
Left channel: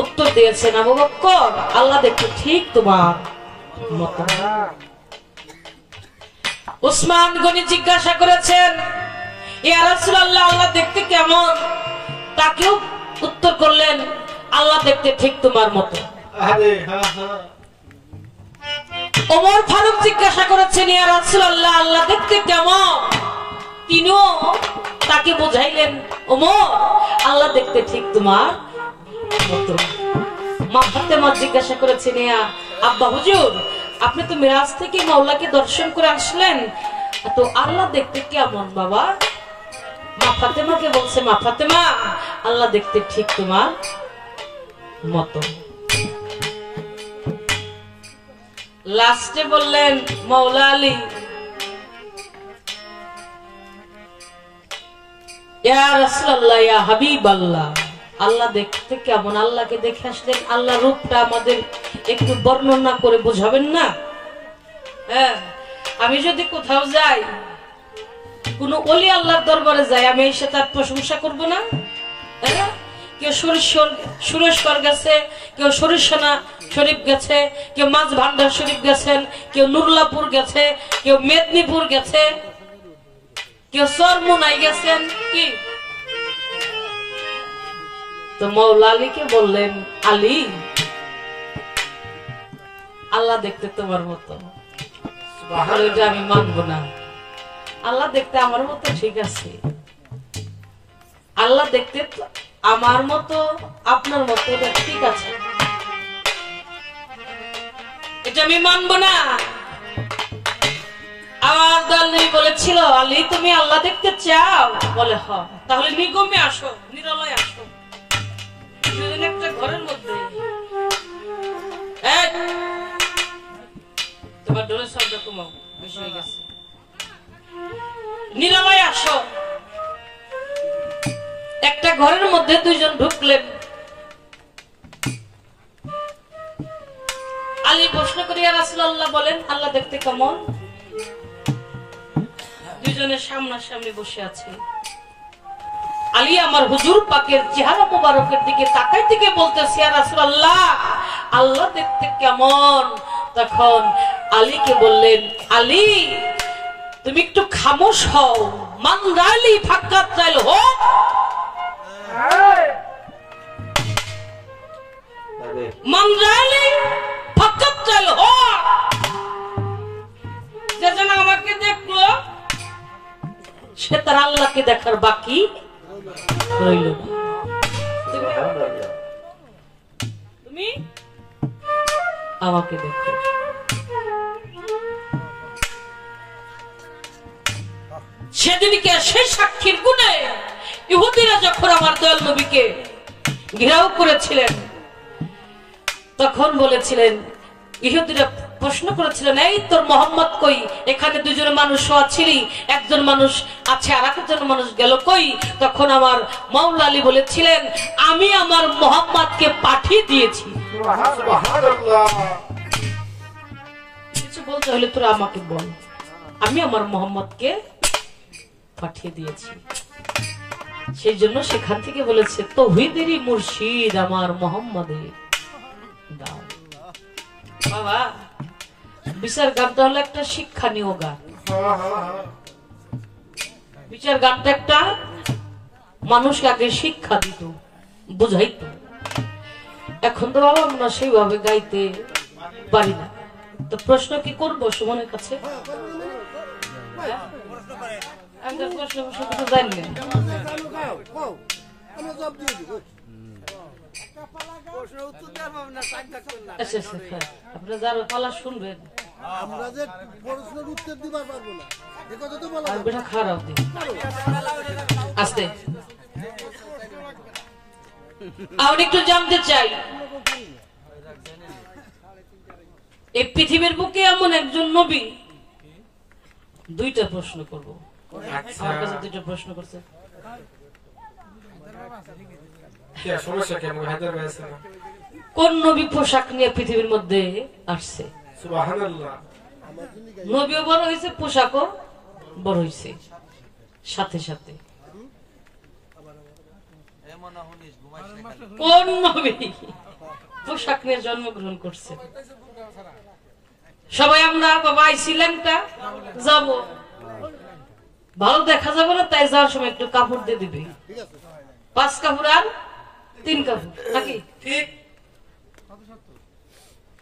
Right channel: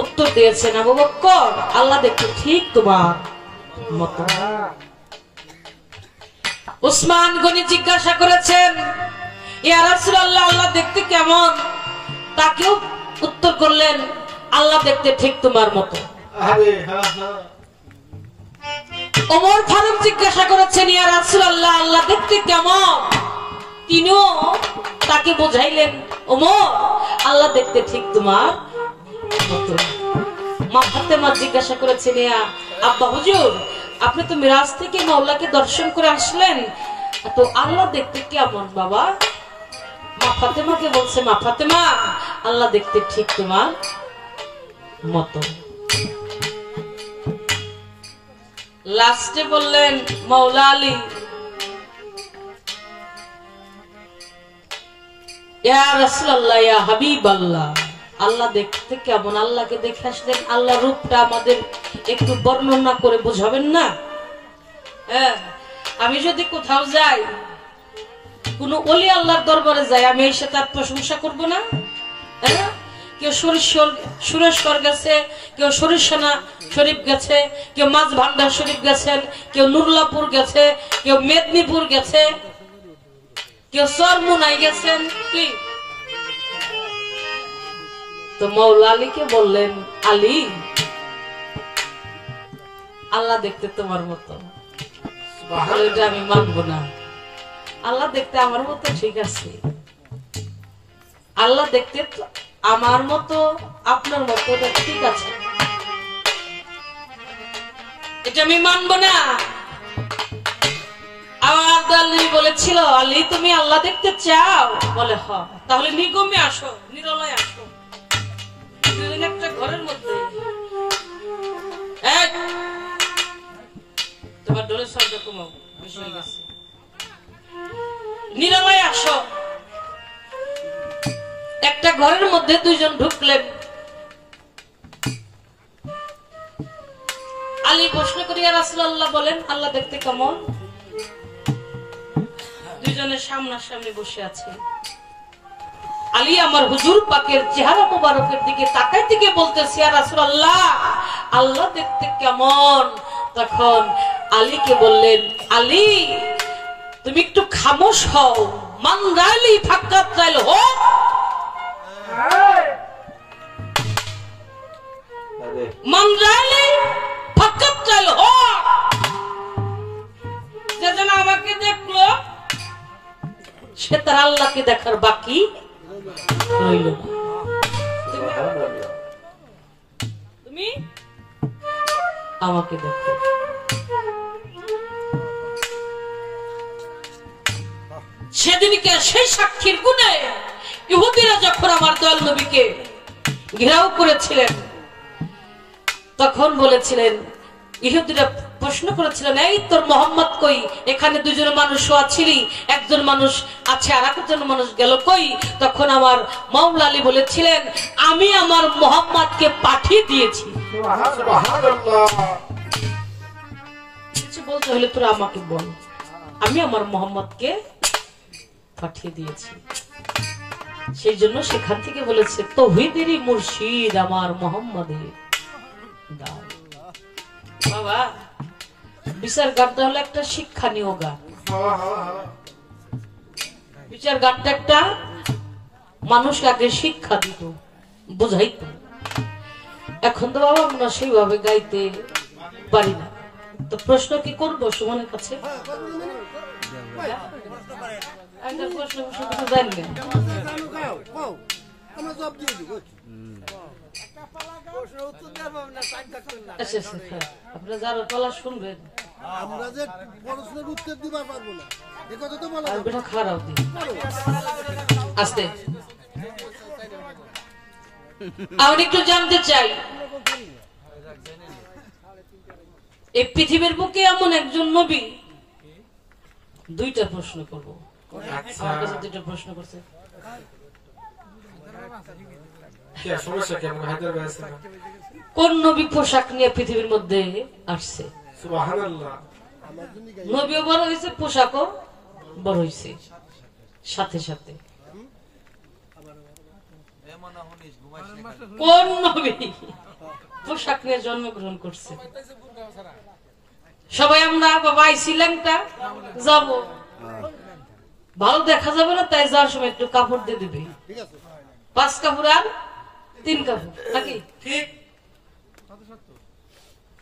উত্তর দিয়েছেন, আবু বকর, আল্লাহ দেখতে ঠিক তোমার মত। উসমান গনি জিজ্ঞাসা করেছেন, ইয়া রাসূলুল্লাহ, আল্লাহ দেখতে কেমন? তাকেও উত্তর করলেন, আল্লাহ দেখতে ঠিক তোমার মতো। ওমর ফারুক জিজ্ঞাসা করেছেন, ইয়া রাসূলুল্লাহ, আল্লাহ দেখতে কেমন? তিনিও তাকে বোঝাইলেন, ওমর, আল্লাহ দেখতে ঠিক তোমার মতো। মা ফাতেমা জিজ্ঞাসা করেছেন, ইয়া আব্বা হুজুর, আপনি তো মিরাজ থেকে মাওলাকে দর্শন করে আসলেন, তো আল্লাহ দেখতে কেমন বাবা? মা ফাতেমাকে বলছে, মা ফাতেমা, আল্লাহ দেখতে ঠিক তোমার মতো। লাস্টে বললেন মাওলা আলী, ইয়া রাসূলুল্লাহ, ইয়া হাবিবাল্লাহ, আল্লাহ দেখতে কেমন? আল্লাহকে দেখে আসলেন, আল্লাহ রূপটা আমাদের একটু বর্ণনা করে বোঝাবেন না? হ্যাঁ, আমি যদি কোথাও যাই, কোন ওলি আল্লাহর দরবারে যাই, আমি এসে তার প্রশংসা করব না? হ্যাঁ, কেউ সুরেশ্বর গেছে, কেউ সরিষানা শরীফ গেছে, কেউ মাছ ভান্ডার শরীফ গেছেন, কেউ নুরলাপুর গেছে, কেউ মেদিনীপুর গেছে, কেউ সরমুনাই গেছেন, কি? তো মাওলা আলীকে বললেন, আলী, আল্লাহ দেখতে তোমার মতো, এটা আমি মানবো না। আল্লাহ দেখতে আমার মতো ঠিক আছে, আল্লাহ দেখতে আমার মতো আপনার মতো এটা ঠিক আছে, এটা আমি মানবো না। আমার দল বলেছিল, আলী তুমি আল্লাহ দেখতে চাও? বলে হ, তাহলে নিগমে আসো, নিরলয় আসো। একটা ঘরের মধ্যে তোমার ডোলের শব্দ কমাও, বেশি হয়ে গেছে, নিরলয় আসো। একটা ঘরের মধ্যে দুইজন ঢুকলেন। আলী প্রশ্ন করিয়া রাসূলুল্লাহ বলেন, আল্লাহ দেখতে কেমন? দুইজনের সামনাসামনি বসে আছে। আলী আমার হুজুর পাকের চেহারা মুবারকের দিকে তাকাই থেকে বলতেছে, ইয়া রাসূলুল্লাহ, আল্লাহ দেখতে কেমন? তখন আলীকে বললেন, আলী তুমি একটু খামোশ হও, মান রালি ফাক্কাত রাইল হো, মান রালি ফাক্কাত রাইল হো, যে যেন আমাকে দেখলো সে তার আল্লাহকে দেখার বাকি রইল না। তুমি আমাকে দেখো। সেদিনকে সেই সাক্ষীর গুণে ইহুদিরা যখন আমার দয়াল নবীকে ঘেরাও করেছিলেন, তখন বলেছিলেন, ইহুদিরা প্রশ্ন করেছিলেন, এই তোর মোহাম্মদ কই? এখানে দুজন মানুষ আছিলি, একজন মানুষ আছে আর একজন মানুষ গেল কই? তখন আমার মাওলা আলী বলেছিলেন, আমি আমার মোহাম্মদকে পাঠিয়ে দিয়েছি। কিছু বলতে হলে তোরা আমাকে বল, আমি আমার মোহাম্মদকে পাঠিয়ে দিয়েছি। সেই জন্য সেখান থেকে বলেছে, তৌহিদেরই মুর্শিদ আমার মোহাম্মদের দাও। বাবা, বিচার গানটা হলো একটা শিক্ষণীয় গান। বিচার গানটা একটা মানুষকে আগে শিক্ষা দিত, বুঝাইত। এখন তো বাবা আমরা সেইভাবে গাইতে পারি না। তো প্রশ্ন কি করবো সুমনের কাছে? প্রশ্ন তো জানি না। আপনি যারা পালা শুনবেন, আমরা যে প্রশ্নের উত্তর দিতে পারবো না, এই কথা তো বলা যাবে না। খারাপ দিন আস্তে। আমি একটু জানতে চাই, এই পৃথিবীর বুকে এমন একজন নবী, দুইটা প্রশ্ন করব। আমার কাছে দুইটা প্রশ্ন করছে। কোন নবী পোশাক নিয়ে পৃথিবীর মধ্যে আসছে? নবীও বড় হয়েছে, পোশাকও বড় হয়েছে সাথে সাথে। কোন নবী পোশাক নিয়ে জন্মগ্রহণ করছে? সবাই আমরা বাবা আইসিলেনটা যাব, ভালো দেখা যাবে না, তাই যাওয়ার সময় একটু কাপড় দিয়ে দিবি, 5 কাপড় আর 3 কাপড় নাকি? ঠিক।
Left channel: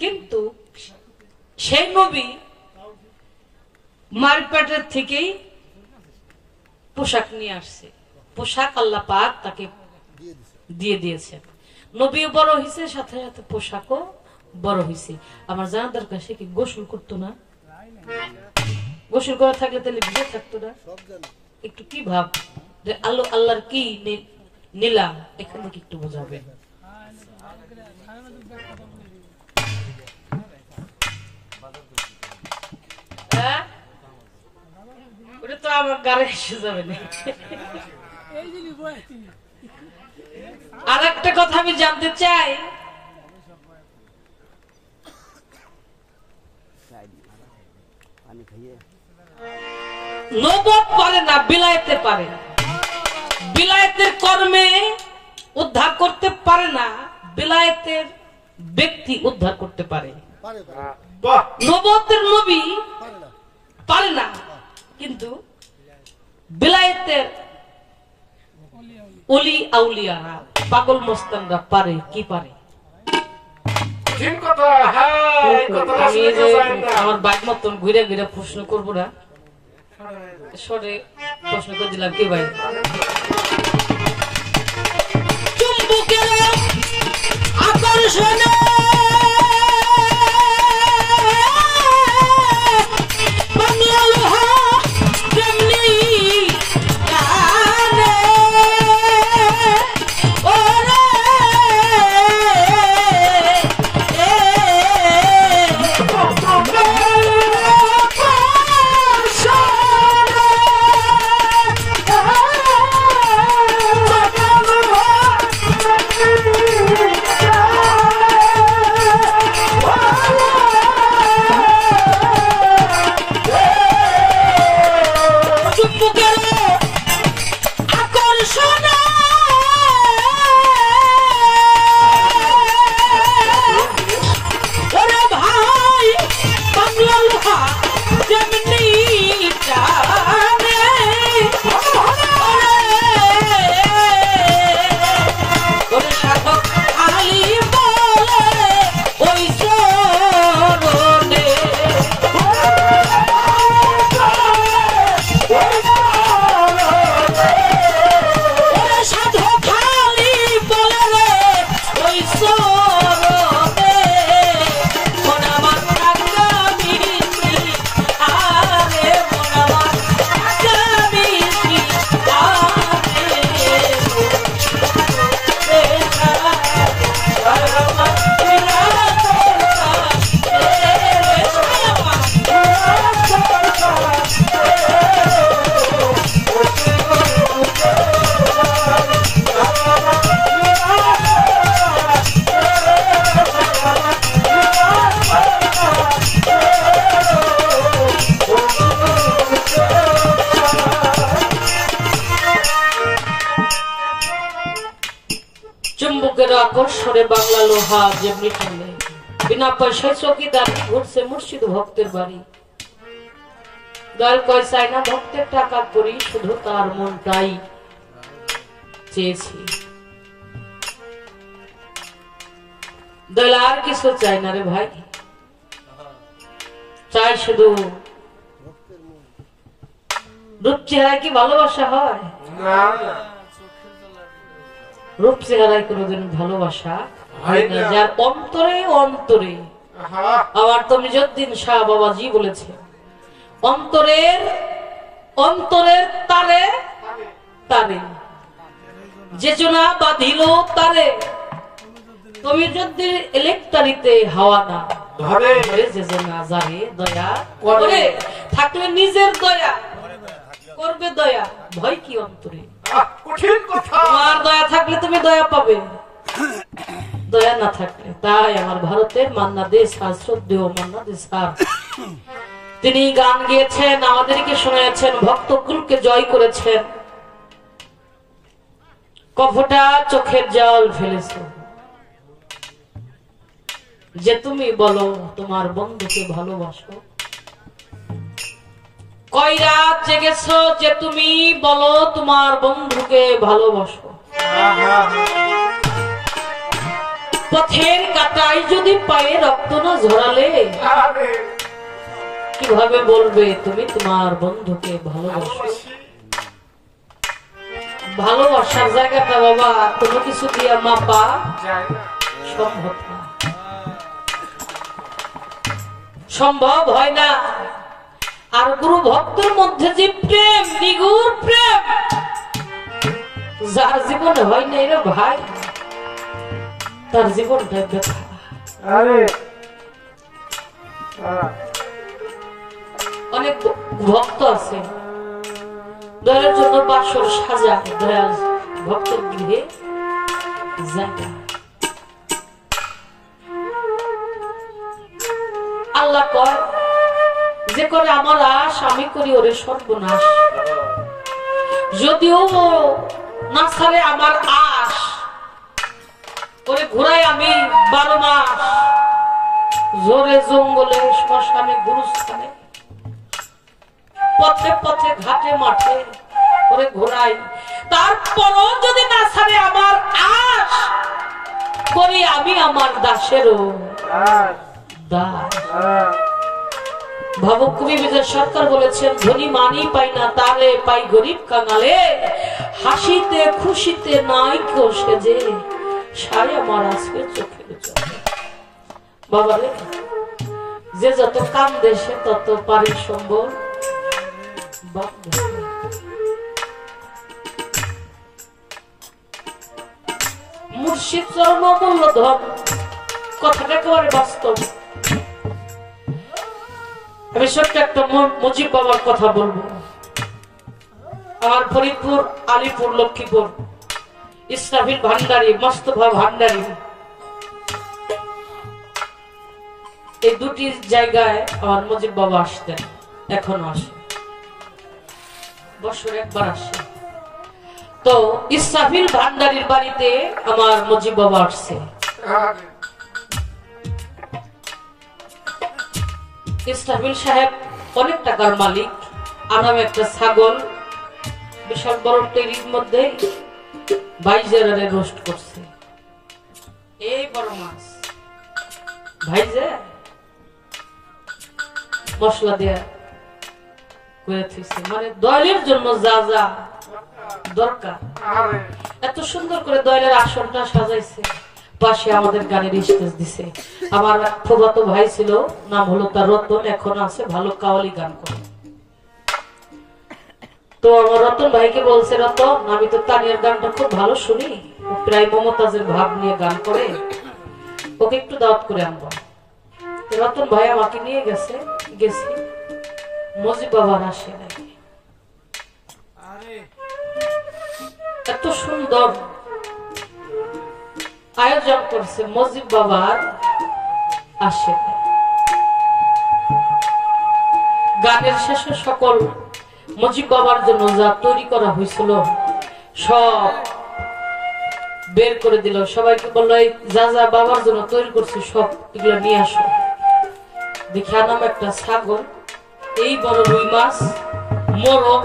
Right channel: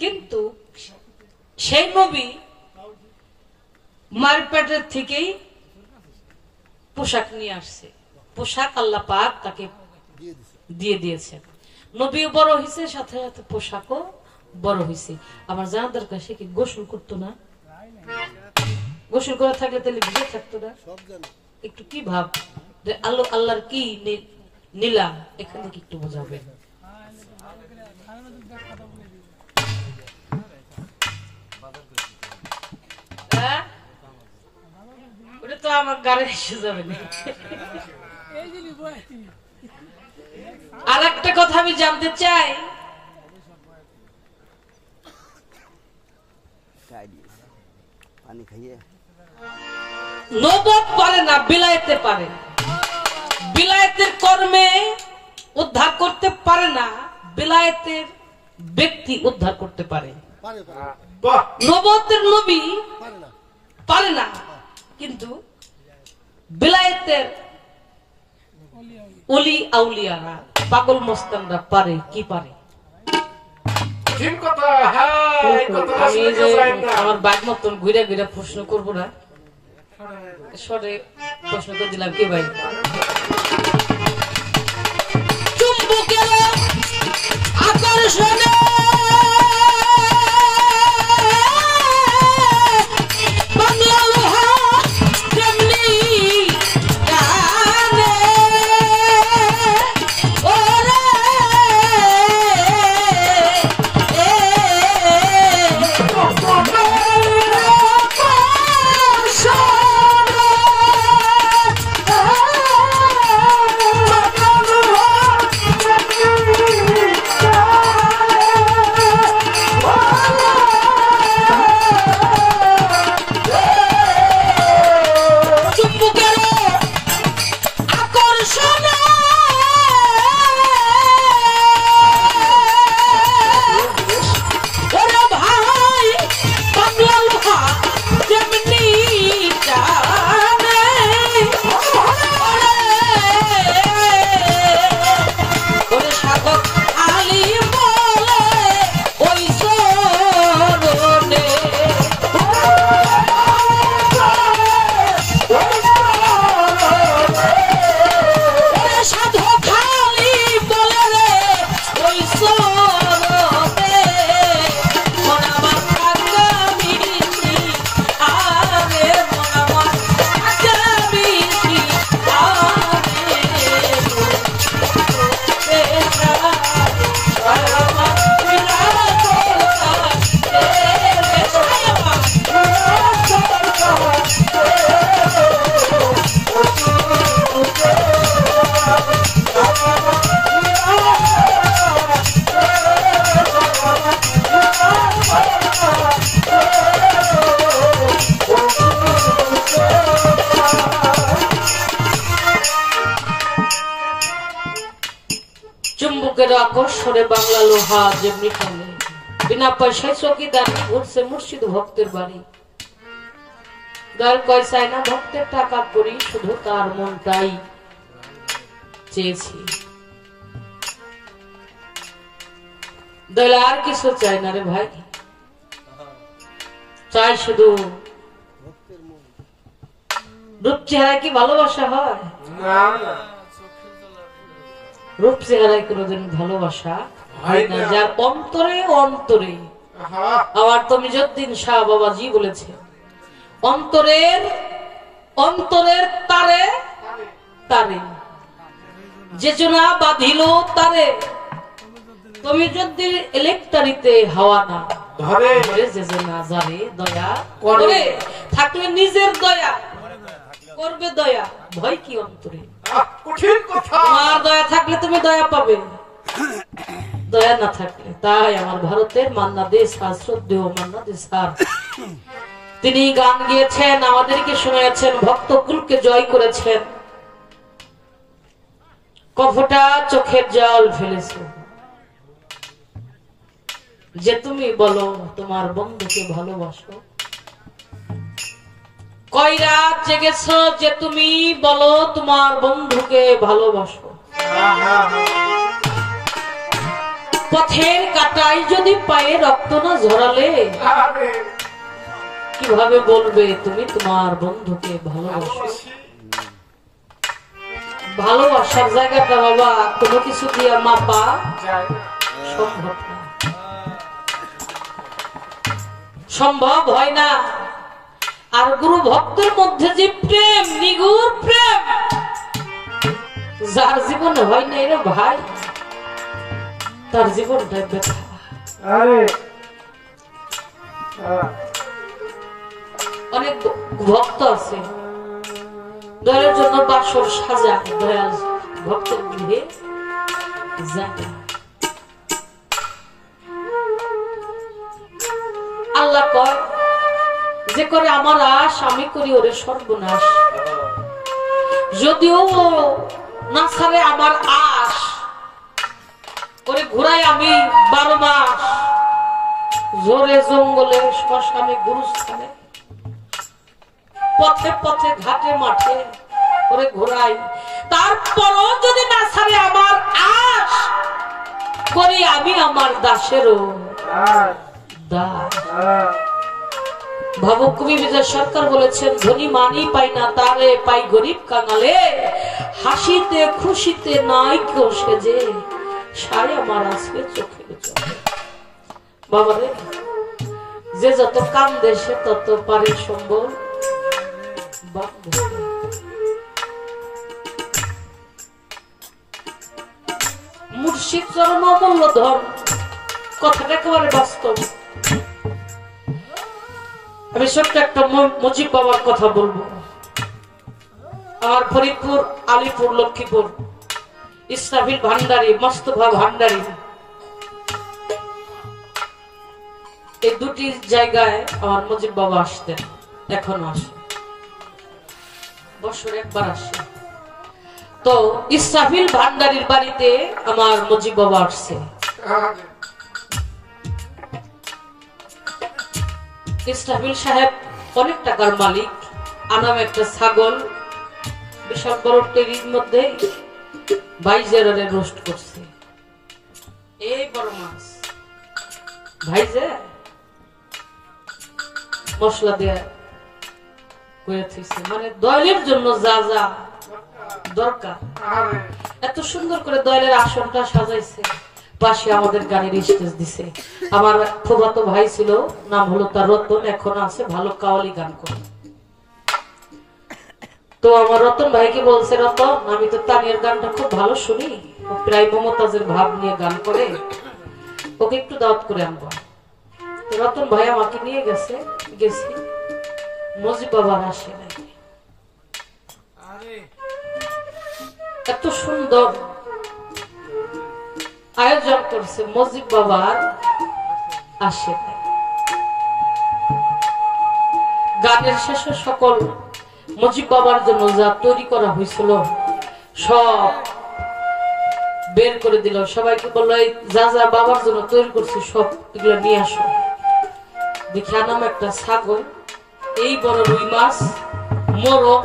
কিন্তু সেই নবী মার পেটের থেকেই পোশাক নিয়ে আসছে, পোশাক আল্লাহ পাক তাকে দিয়ে দিয়েছে। নবীও বড় হয়েছে, সাথে সাথে পোশাকও বড় হয়েছে, আমার জানার দরকার সে কি গোসল করতো না? গোসল করা থাকলে তাহলে ভিজে থাকতো না? একটু কি ভাব যে আল্লাহর কি নীলা এখান থেকে একটু বোঝাবে। ওটা তো আমার গাড়ি এসে যাবে না। আর একটা কথা আমি জানতে চাই, নবুয়ত পারে না, বিলায়েতে পারে। বিলায়েতের কর্মে উদ্ধার করতে পারে না, বিলায়েতের ব্যক্তি উদ্ধার করতে পারে। নবুয়তের নবী পারে না, কিন্তু বিলায়েতের ওলি আউলিয়ারা, পাগল মস্তানরা পারে। কি পারে? আমার বাঘ মতন ঘুরে ঘুরে প্রশ্ন করবো না, সরে প্রশ্ন করে দিলাম। কি ভাই? চুম্বকের আকর্ষণে আকর্ষণে বাংলা লোহা যেমনি টানে, বিনা পয়সায় চকিদার ঘুরছে মুর্শিদ ভক্তের বাড়ি। দয়াল কয় চাই না ভক্তের টাকা করি, শুধু তার মনটাই চেয়েছি। দয়াল আর কিছু চাই না রে ভাই, চাই শুধু রূপ চেহারায় কি ভালোবাসা হয়? রূপ চেহারায় কোনদিন ভালোবাসা হয় না, যার অন্তরে অন্তরে। আবার তুমি যদ্দিন শাহ বাবাজি বলেছে, অন্তরের অন্তরের তারে তারে যে জনা বাঁধিল তারে, তুমি যদি ইলেকট্রিতে হাওয়া না ধরে, যে জনা যারে দয়া করে থাকলে নিজের দয়া করবে। দয়া ভয় কি অন্তরে? কঠিন কথা। তোমার দয়া থাকলে তুমি দয়া পাবে, দয়া না থাকলে। তাই আমার ভারতের মান্না দে স্যার, শ্রদ্ধেয় মান্না দে স্যার, তিনি গান গিয়েছেন, আমাদেরকে শোনাচ্ছেন, ভক্তকুলকে জয় করেছেন। কফটা চোখের জল ফেলেছ যে তুমি বলো তোমার বন্ধুকে ভালোবাসো। কয় রাত জেগেছ যে তুমি বলো তোমার বন্ধুকে ভালোবাসো। পথের কাটাই যদি পায়ে রক্ত না ঝরালে কিভাবে বলবে তুমি তোমার বন্ধুকে ভালোবাসো? ভালোবাসার জায়গাটা বাবা কোনো কিছু দিয়ে মাপা সম্ভব না। সম্ভব হয় না। আর গুরু ভক্তের মধ্যে যে প্রেম, নিগুড় প্রেম, যার জীবন হয় না রে ভাই, তার জীবনটাই ব্যথা। অনেক ভক্ত আছে দয়ালের জন্য বাসর সাজা, দয়াল ভক্তের গৃহে যায়। আল্লাহ কয় যে করে আমার আশ আমি করি ওরে সর্বনাশ। যদিও না ছাড়ে আমার আশ, ওরে ঘুরাই আমি 12 মাস জোরে জঙ্গলে শ্মশানে গুরুস্থানে পথে পথে ঘাটে মাঠে ওরে ঘুরাই। তারপরও যদি না ছাড়ে আমার আশ, করি আমি আমার দাসেরও দাস। ভাবুক কবি বিজয় সরকার বলেছেন, ধনী মানি পাই না তালে পাই গরিব কাঙালে, হাসিতে খুশিতে নাই কেউ সেজে, সায় আমার আসবে চোখের চোখে। বাবারে, যে যত কান্দে সে তত পারে সম্বল। মুর্শিদ চরণ অমূল্য ধন, কথাটা একেবারে বাস্তব। আমি ছোট্ট একটা মুজিব বাবার কথা বলবো। আমার ফরিদপুর, আলিপুর, লক্ষ্মীপুর ইসরাফিল ভান্ডারী, মোস্তফা ভান্ডারী, এই দুটি জায়গায় আমার মুজিব বাবা আসতেন, এখনো আসে, বছরে একবার আসে। তো ইসরাফিল ভান্ডারীর বাড়িতে আমার মুজিব বাবা আসছে। ইসরাফিল সাহেব অনেক টাকার মালিক, আনাম একটা ছাগল বিশাল বড় টেরির মধ্যে ভাইজারে রোস্ট করছে। এই বড় মাছ ভাইজে মশলা দিয়ে করে থইছে, মানে দয়ালের জন্য যা যা দরকার এত সুন্দর করে দয়ালের আসনটা সাজাইছে। পাশে আমাদের গানের স্টেজ দিছে। আমার ফুফাতো ভাই ছিল, নাম হলো তার রতন, এখন আছে, ভালো কাওয়ালি গান করে। তো আমার রতন ভাইকে বলছে, রতন আমি তো তানিয়ার গানটা খুব ভালো শুনি, প্রায় মমতাজের ভাব নিয়ে গান করে, ওকে একটু দাওয়াত করে আনবো। রতন ভাই আমাকে নিয়ে গেছে, গেছি, মুজিব বাবার আসে নাকি, এত সুন্দর আয়োজন করছে, মুজিব বাবার আসে। গানের শেষে সকল মুজিব বাবার জন্য যা তৈরি করা হয়েছিল সব বের করে দিল। সবাইকে বললো, যা যা বাবার জন্য তৈরি করছে সব এগুলো নিয়ে আসো। দেখে আনাম একটা ছাগল, এই বড় রুই মাছ, মোরগ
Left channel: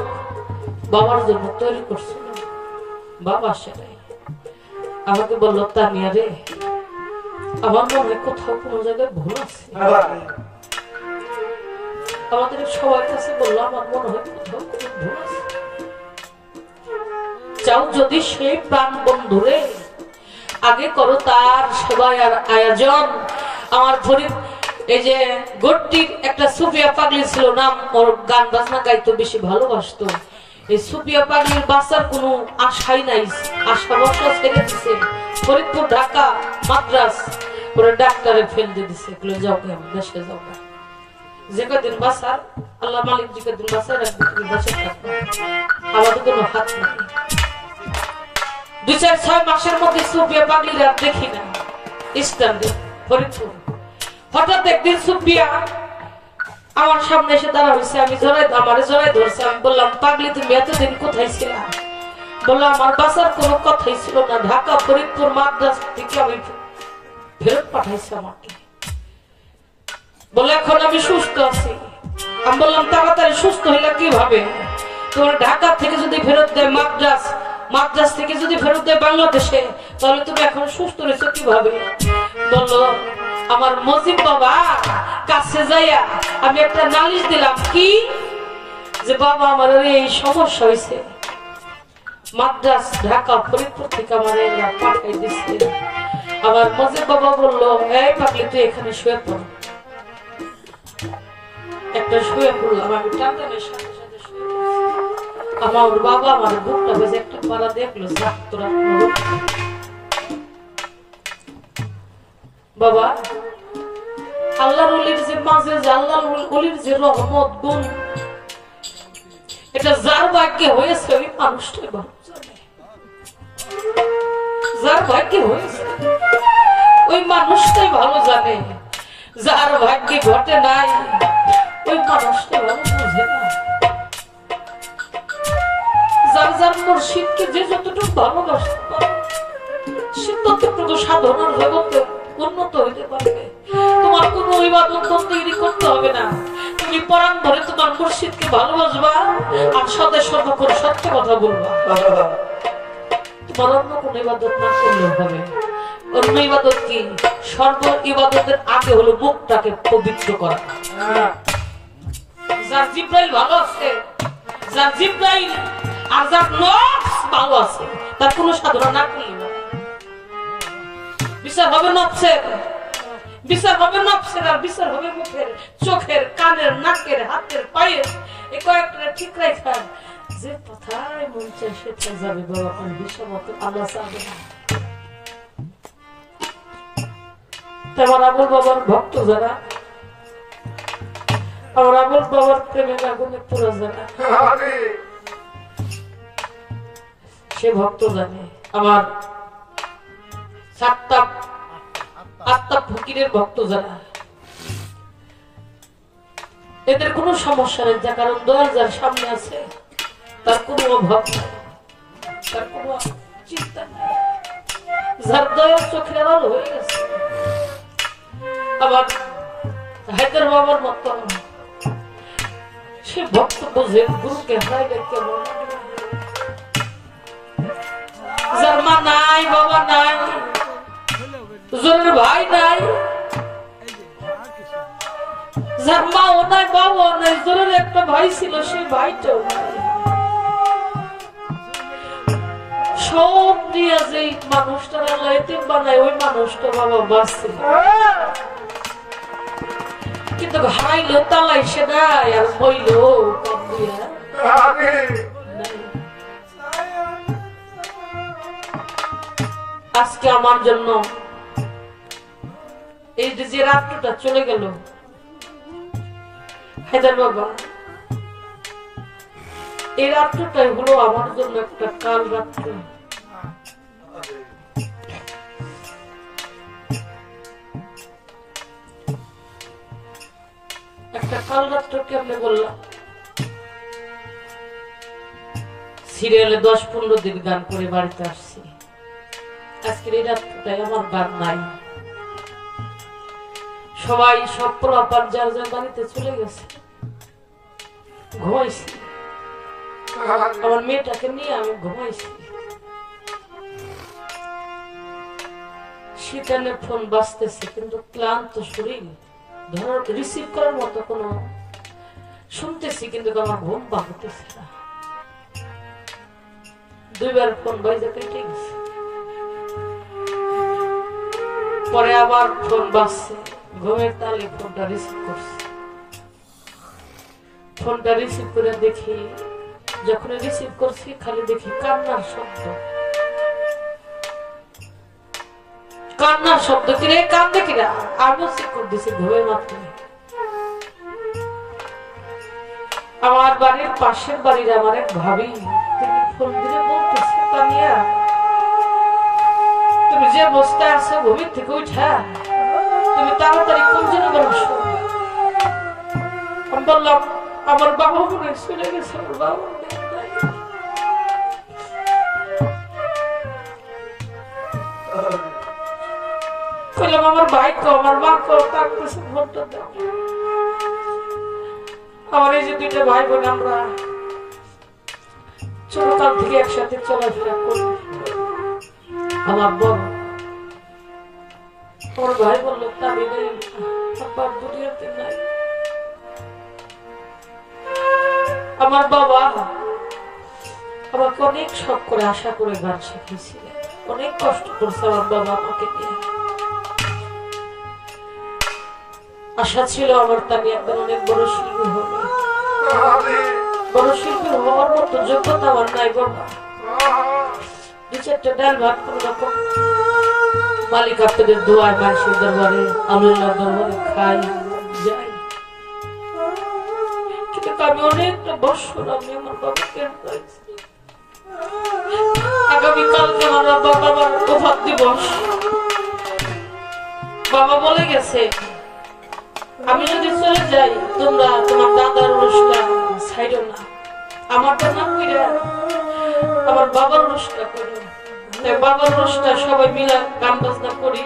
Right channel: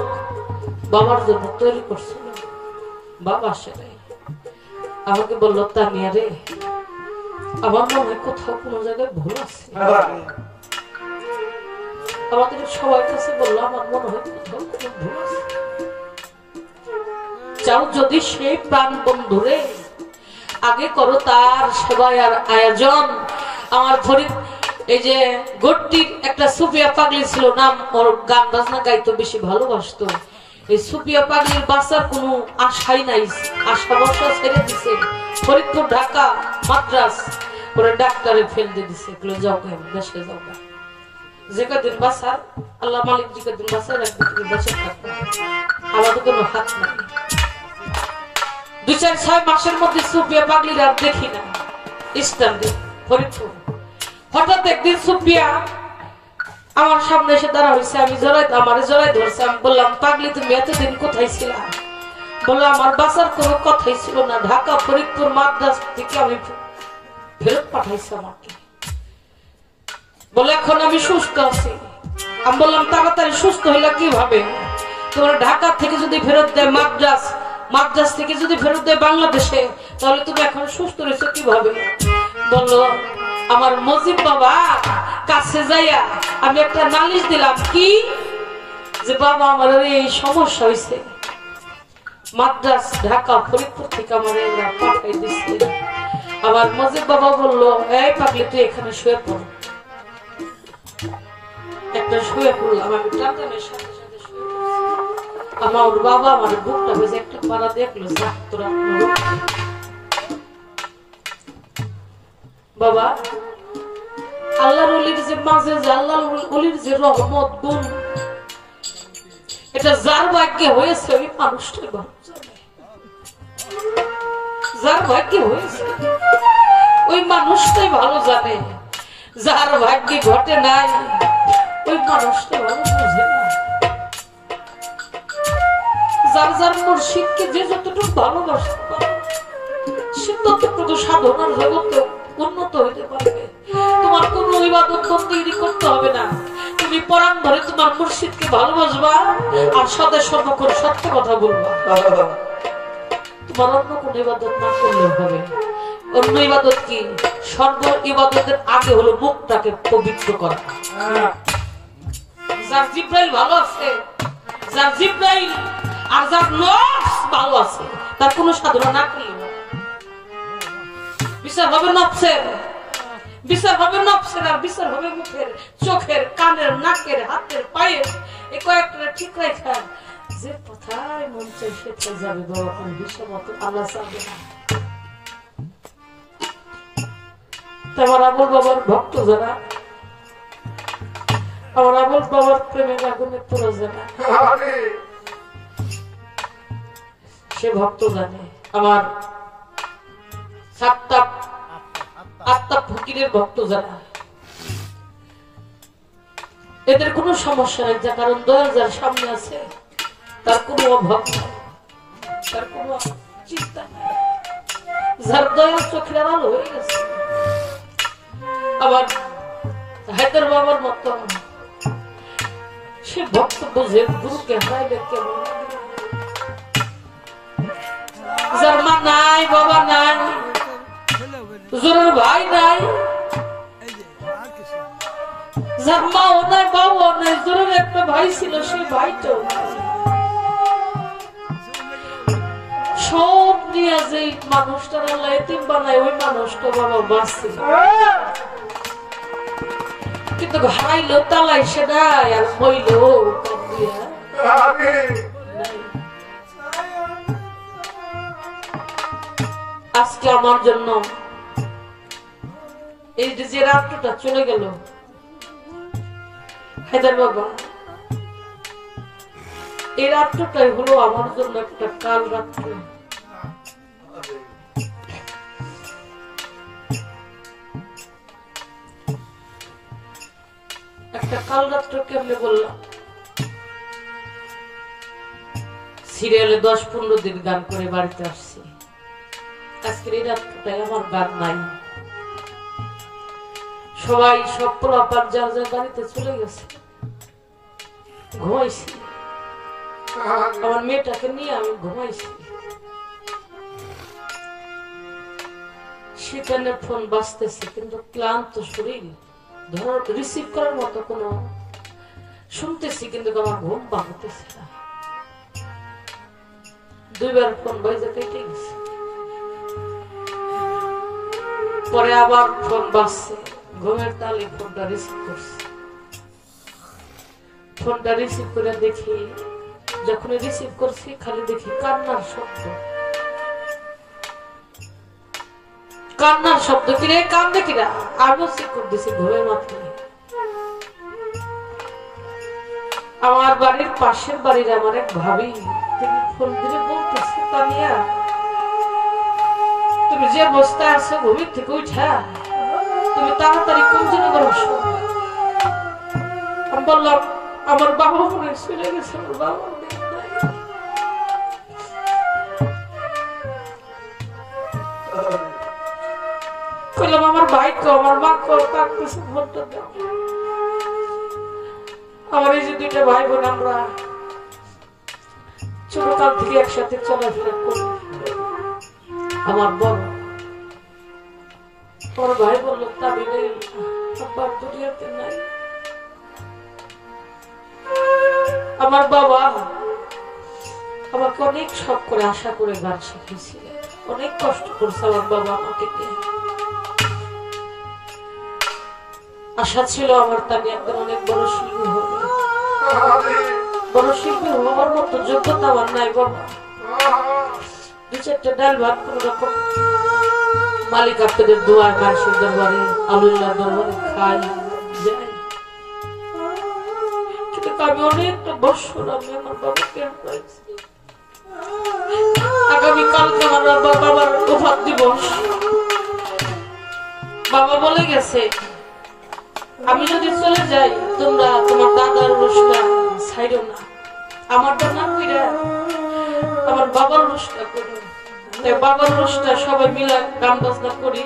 বাবার জন্য তৈরি করছিল। বাবা আসে নাই, আমাকে বললো, তানিয়া রে, আমার মনে হয় কোথাও কোনো জায়গায় ভুল আছে। আমাদের সবার কাছে বললো, আমার মনে হয় কোথাও কোনো ভুল আছে। চাও যদি সেই প্রাণ বন্ধুরে আগে করো তার সেবায় আর আয়োজন। আমার ফরিদ এই যে গট্টির একটা সুফিয়া পাগলি ছিল, নাম, ওর গান বাজনা গাইতো, বেশি ভালোবাসতো। এই সুফিয়া পাগলির বাচ্চার কোনো আশাই নাই, আশা বর্ষা ছেড়ে দিছে। ফরিদপুর, ঢাকা, মাদ্রাস করে ডাক্তারে ফেল দিয়ে দিছে, যাও দেশে যাও, যে কদিন বাঁচার আল্লাহ মালিক যে কদিন বাঁচার রাখবে তুমি বেঁচে থাকবে, আমাদের কোনো হাত নাই। 2-4-6 মাসের মধ্যে সুফিয়া পাগলির আর দেখি না স্ট্যান্ডে ফরিদপুর। হঠাৎ একদিন সুফিয়া আমার সামনে এসে দাঁড়া হয়েছে, আমি আমারে জড়াই ধরছে। আমি বললাম, পাগলি তুমি এতদিন কোথায় ছিলা? বললো, আমার বাঁচার কোনো কথাই ছিল না, ঢাকা, ফরিদপুর, মাদ্রাস থেকে আমি ফেরত পাঠাইছি আমাকে। বলে এখন আমি সুস্থ আছি। আমি বললাম, তাড়াতাড়ি সুস্থ হইলা কিভাবে? তোমার ঢাকা থেকে যদি ফেরত দেয় মাদ্রাস, মাদ্রাস থেকে যদি ফেরত দেয় বাংলাদেশে, তাহলে তুমি এখন সুস্থ রয়েছো কিভাবে? বললো, আমার মুজিব বাবা কাছে যাইয়া আমি একটা নালিশ দিলাম, কি যে বাবা আমার এই সমস্যা হয়েছে, মাদ্রাস, ঢাকা, ফরিদপুর থেকে আমার এরা পাঠাই দিচ্ছে। আবার মুজিব বাবা বললো, এই পাগলি তুই এখানে শুয়ে পড়। একটা শুয়ে পড়লাম, আমি টানটানের সাথে সাথে শুয়ে আমার ওর বাবা আমার বুকটা বেজে একটা পাড়া দেখলো, তোরা বাবা আল্লাহর ওলির যে মাঝে আল্লাহর ওলির যে রহমত গুণ, এটা যার ভাগ্যে হয়েছে ওই মানুষটাই ভালো জানে। যার ভাগ্যে হয়েছে ওই মানুষটাই ভালো জানে, যার ভাগ্যে ঘটে নাই ওই মানুষটা ভালো বুঝে না। যার যার মুর্শিদকে যে যতটুকু ভালোবাসতে পারে সে ততটুকু সাধনার জগতে উন্নত হইতে পারবে। তোমার কোন ইবাদত তৈরি করতে হবে না, তুমি পরাণ ধরে তোমার মুর্শিদকে ভালোবাসবা আর সদা সর্বক্ষণ সত্য কথা বলবা। তোমার অন্য কোন ইবাদত না করলেও হবে। অন্য ইবাদত কি? সর্ব ইবাদতের আগে হলো মুখটাকে পবিত্র করা। যার জিব্রাইল ভালো আছে, যার জিব্রাইল আর যার নফস ভালো আছে, তার কোন সাধনা না করলে বিচার হবে নফসের, বিচার হবে নফসের, আর বিচার হবে মুখের, চোখের, কানের, নাকের, হাতের, পায়ের। এই কয়েকটা ঠিক রাখা, যে কোথায় মন চাই সেটাই যাবে বাবা। কোন বিষমত আল্লাহ চাবে না। আমার আবুল বাবার ভক্ত যারা, আমার আবুল বাবার প্রেমের আগুনে তোরা যারা, সে ভক্ত জানে। আমার আত্মা ফকিরের ভক্ত যারা, এদের কোনো সমস্যা নেই, যার কারণ দয়াল যার সামনে আছে তার কোনো অভাব নাই, তার কোনো চিন্তা নাই। যার দয়াল চোখের আড়াল হয়ে গেছে। আবার হায়দার বাবার মতো সে ভক্ত বোঝে গুরুকে হারাইলে কেমন। যার মা নাই, বাবা নাই, জোরের ভাই নাই, যার মাও নাই, বাবাও নাই, জোরের একটা ভাই ছিল, সেই ভাইটাও নাই। সব নিয়ে যে মানুষটার আল্লাহ এতিম বানায়, ওই মানুষটা বাবা বাঁচছে, কিন্তু হারাইলো তালাই সে নাই, আর হইল আজকে আমার জন্য এই যে রাত্রটা চলে গেল হায়দার বাবা, এই রাত্রটাই হলো আমার জন্য একটা কাল রাত্র। একটা কাল রাত্র কেমনে বললাম, সিরিয়ালে 10-15 দিন গান করে বাড়িতে আসছি। আজকের এই রাত্রটাই আমার গান নাই। সবাই সব পোলাপান যার যার বাড়িতে চলে গেছে, ঘুমাইছি। আমার মেয়েটাকে নিয়ে আমি ঘুমাইছি। সেখানে ফোন বাজতেছে, কিন্তু ক্লান্ত শরীর, ধর রিসিভ করার মতো কোন শুনতেছি, কিন্তু আমার ঘুম ভাঙতেছে না। 2 বার ফোন বাজে কেটে গেছে। পরে আবার ফোন বাজছে, ঘুমের তালে ফোনটা রিসিভ করছে। ফোনটা রিসিভ করে দেখি, যখন রিসিভ করছি খালি দেখি কান্নার শব্দ, কান্নার শব্দ। কিরে কান্দে কিরা? আমিও চেক করে দিছি ঘুমের মাথায়। আমার বাড়ির পাশের বাড়ির আমার এক ভাবি, তিনি ফোন দিয়ে বলতেছে, তানিয়া তুমি যে অবস্থায় আছো ঘুমের থেকে উঠা তুমি তাড়াতাড়ি কোন জন্য বসো। আমি বললাম আমার বাবা মনে চলে গেছে, আমার বাবা কইলাম আমার ভাই কো, আমার মা কো, কাঁদতেছে, ফোনটা দাও। আমার এই যে 2টা ভাই বোন, আমরা ছোটকাল থেকে একসাথে চলাফেরা করি। আমার বড় আমার ভাই বলল, তাবিলে আব্বার দুনিয়াতে নাই। আমার বাবা আমাকে অনেক শখ করে আশা করে গান শিখিয়েছিলেন, অনেক কষ্ট করছে আমার বাবা আমাকে দিয়ে। আশা ছিল আমার তাকে একবার অনেক বড় বড় শিল্পী হওয়ার মতো যোগ্যতা আমার নাই বাবা। দু চারটা ডাল ভাত কোন রকম মালিক আপনাদের দোয়ায় মানুষের দরবারে আল্লাহর দরবারে খাই যাই, কিন্তু আমি অনেকটা বছর আমি আমার বাবাকে পাইছি। আগামীকালকে আমার বাবার প্রভাত দিবস। বাবা বলে গেছে আমি যদি চলে যাই তোমরা তোমার দাদার রসটা ছাইড়ো না, আমার তো না কইরা আমার বাবার রসটা করো। তাই বাবার রসটা সবাই মিলে গান বাজনা করি,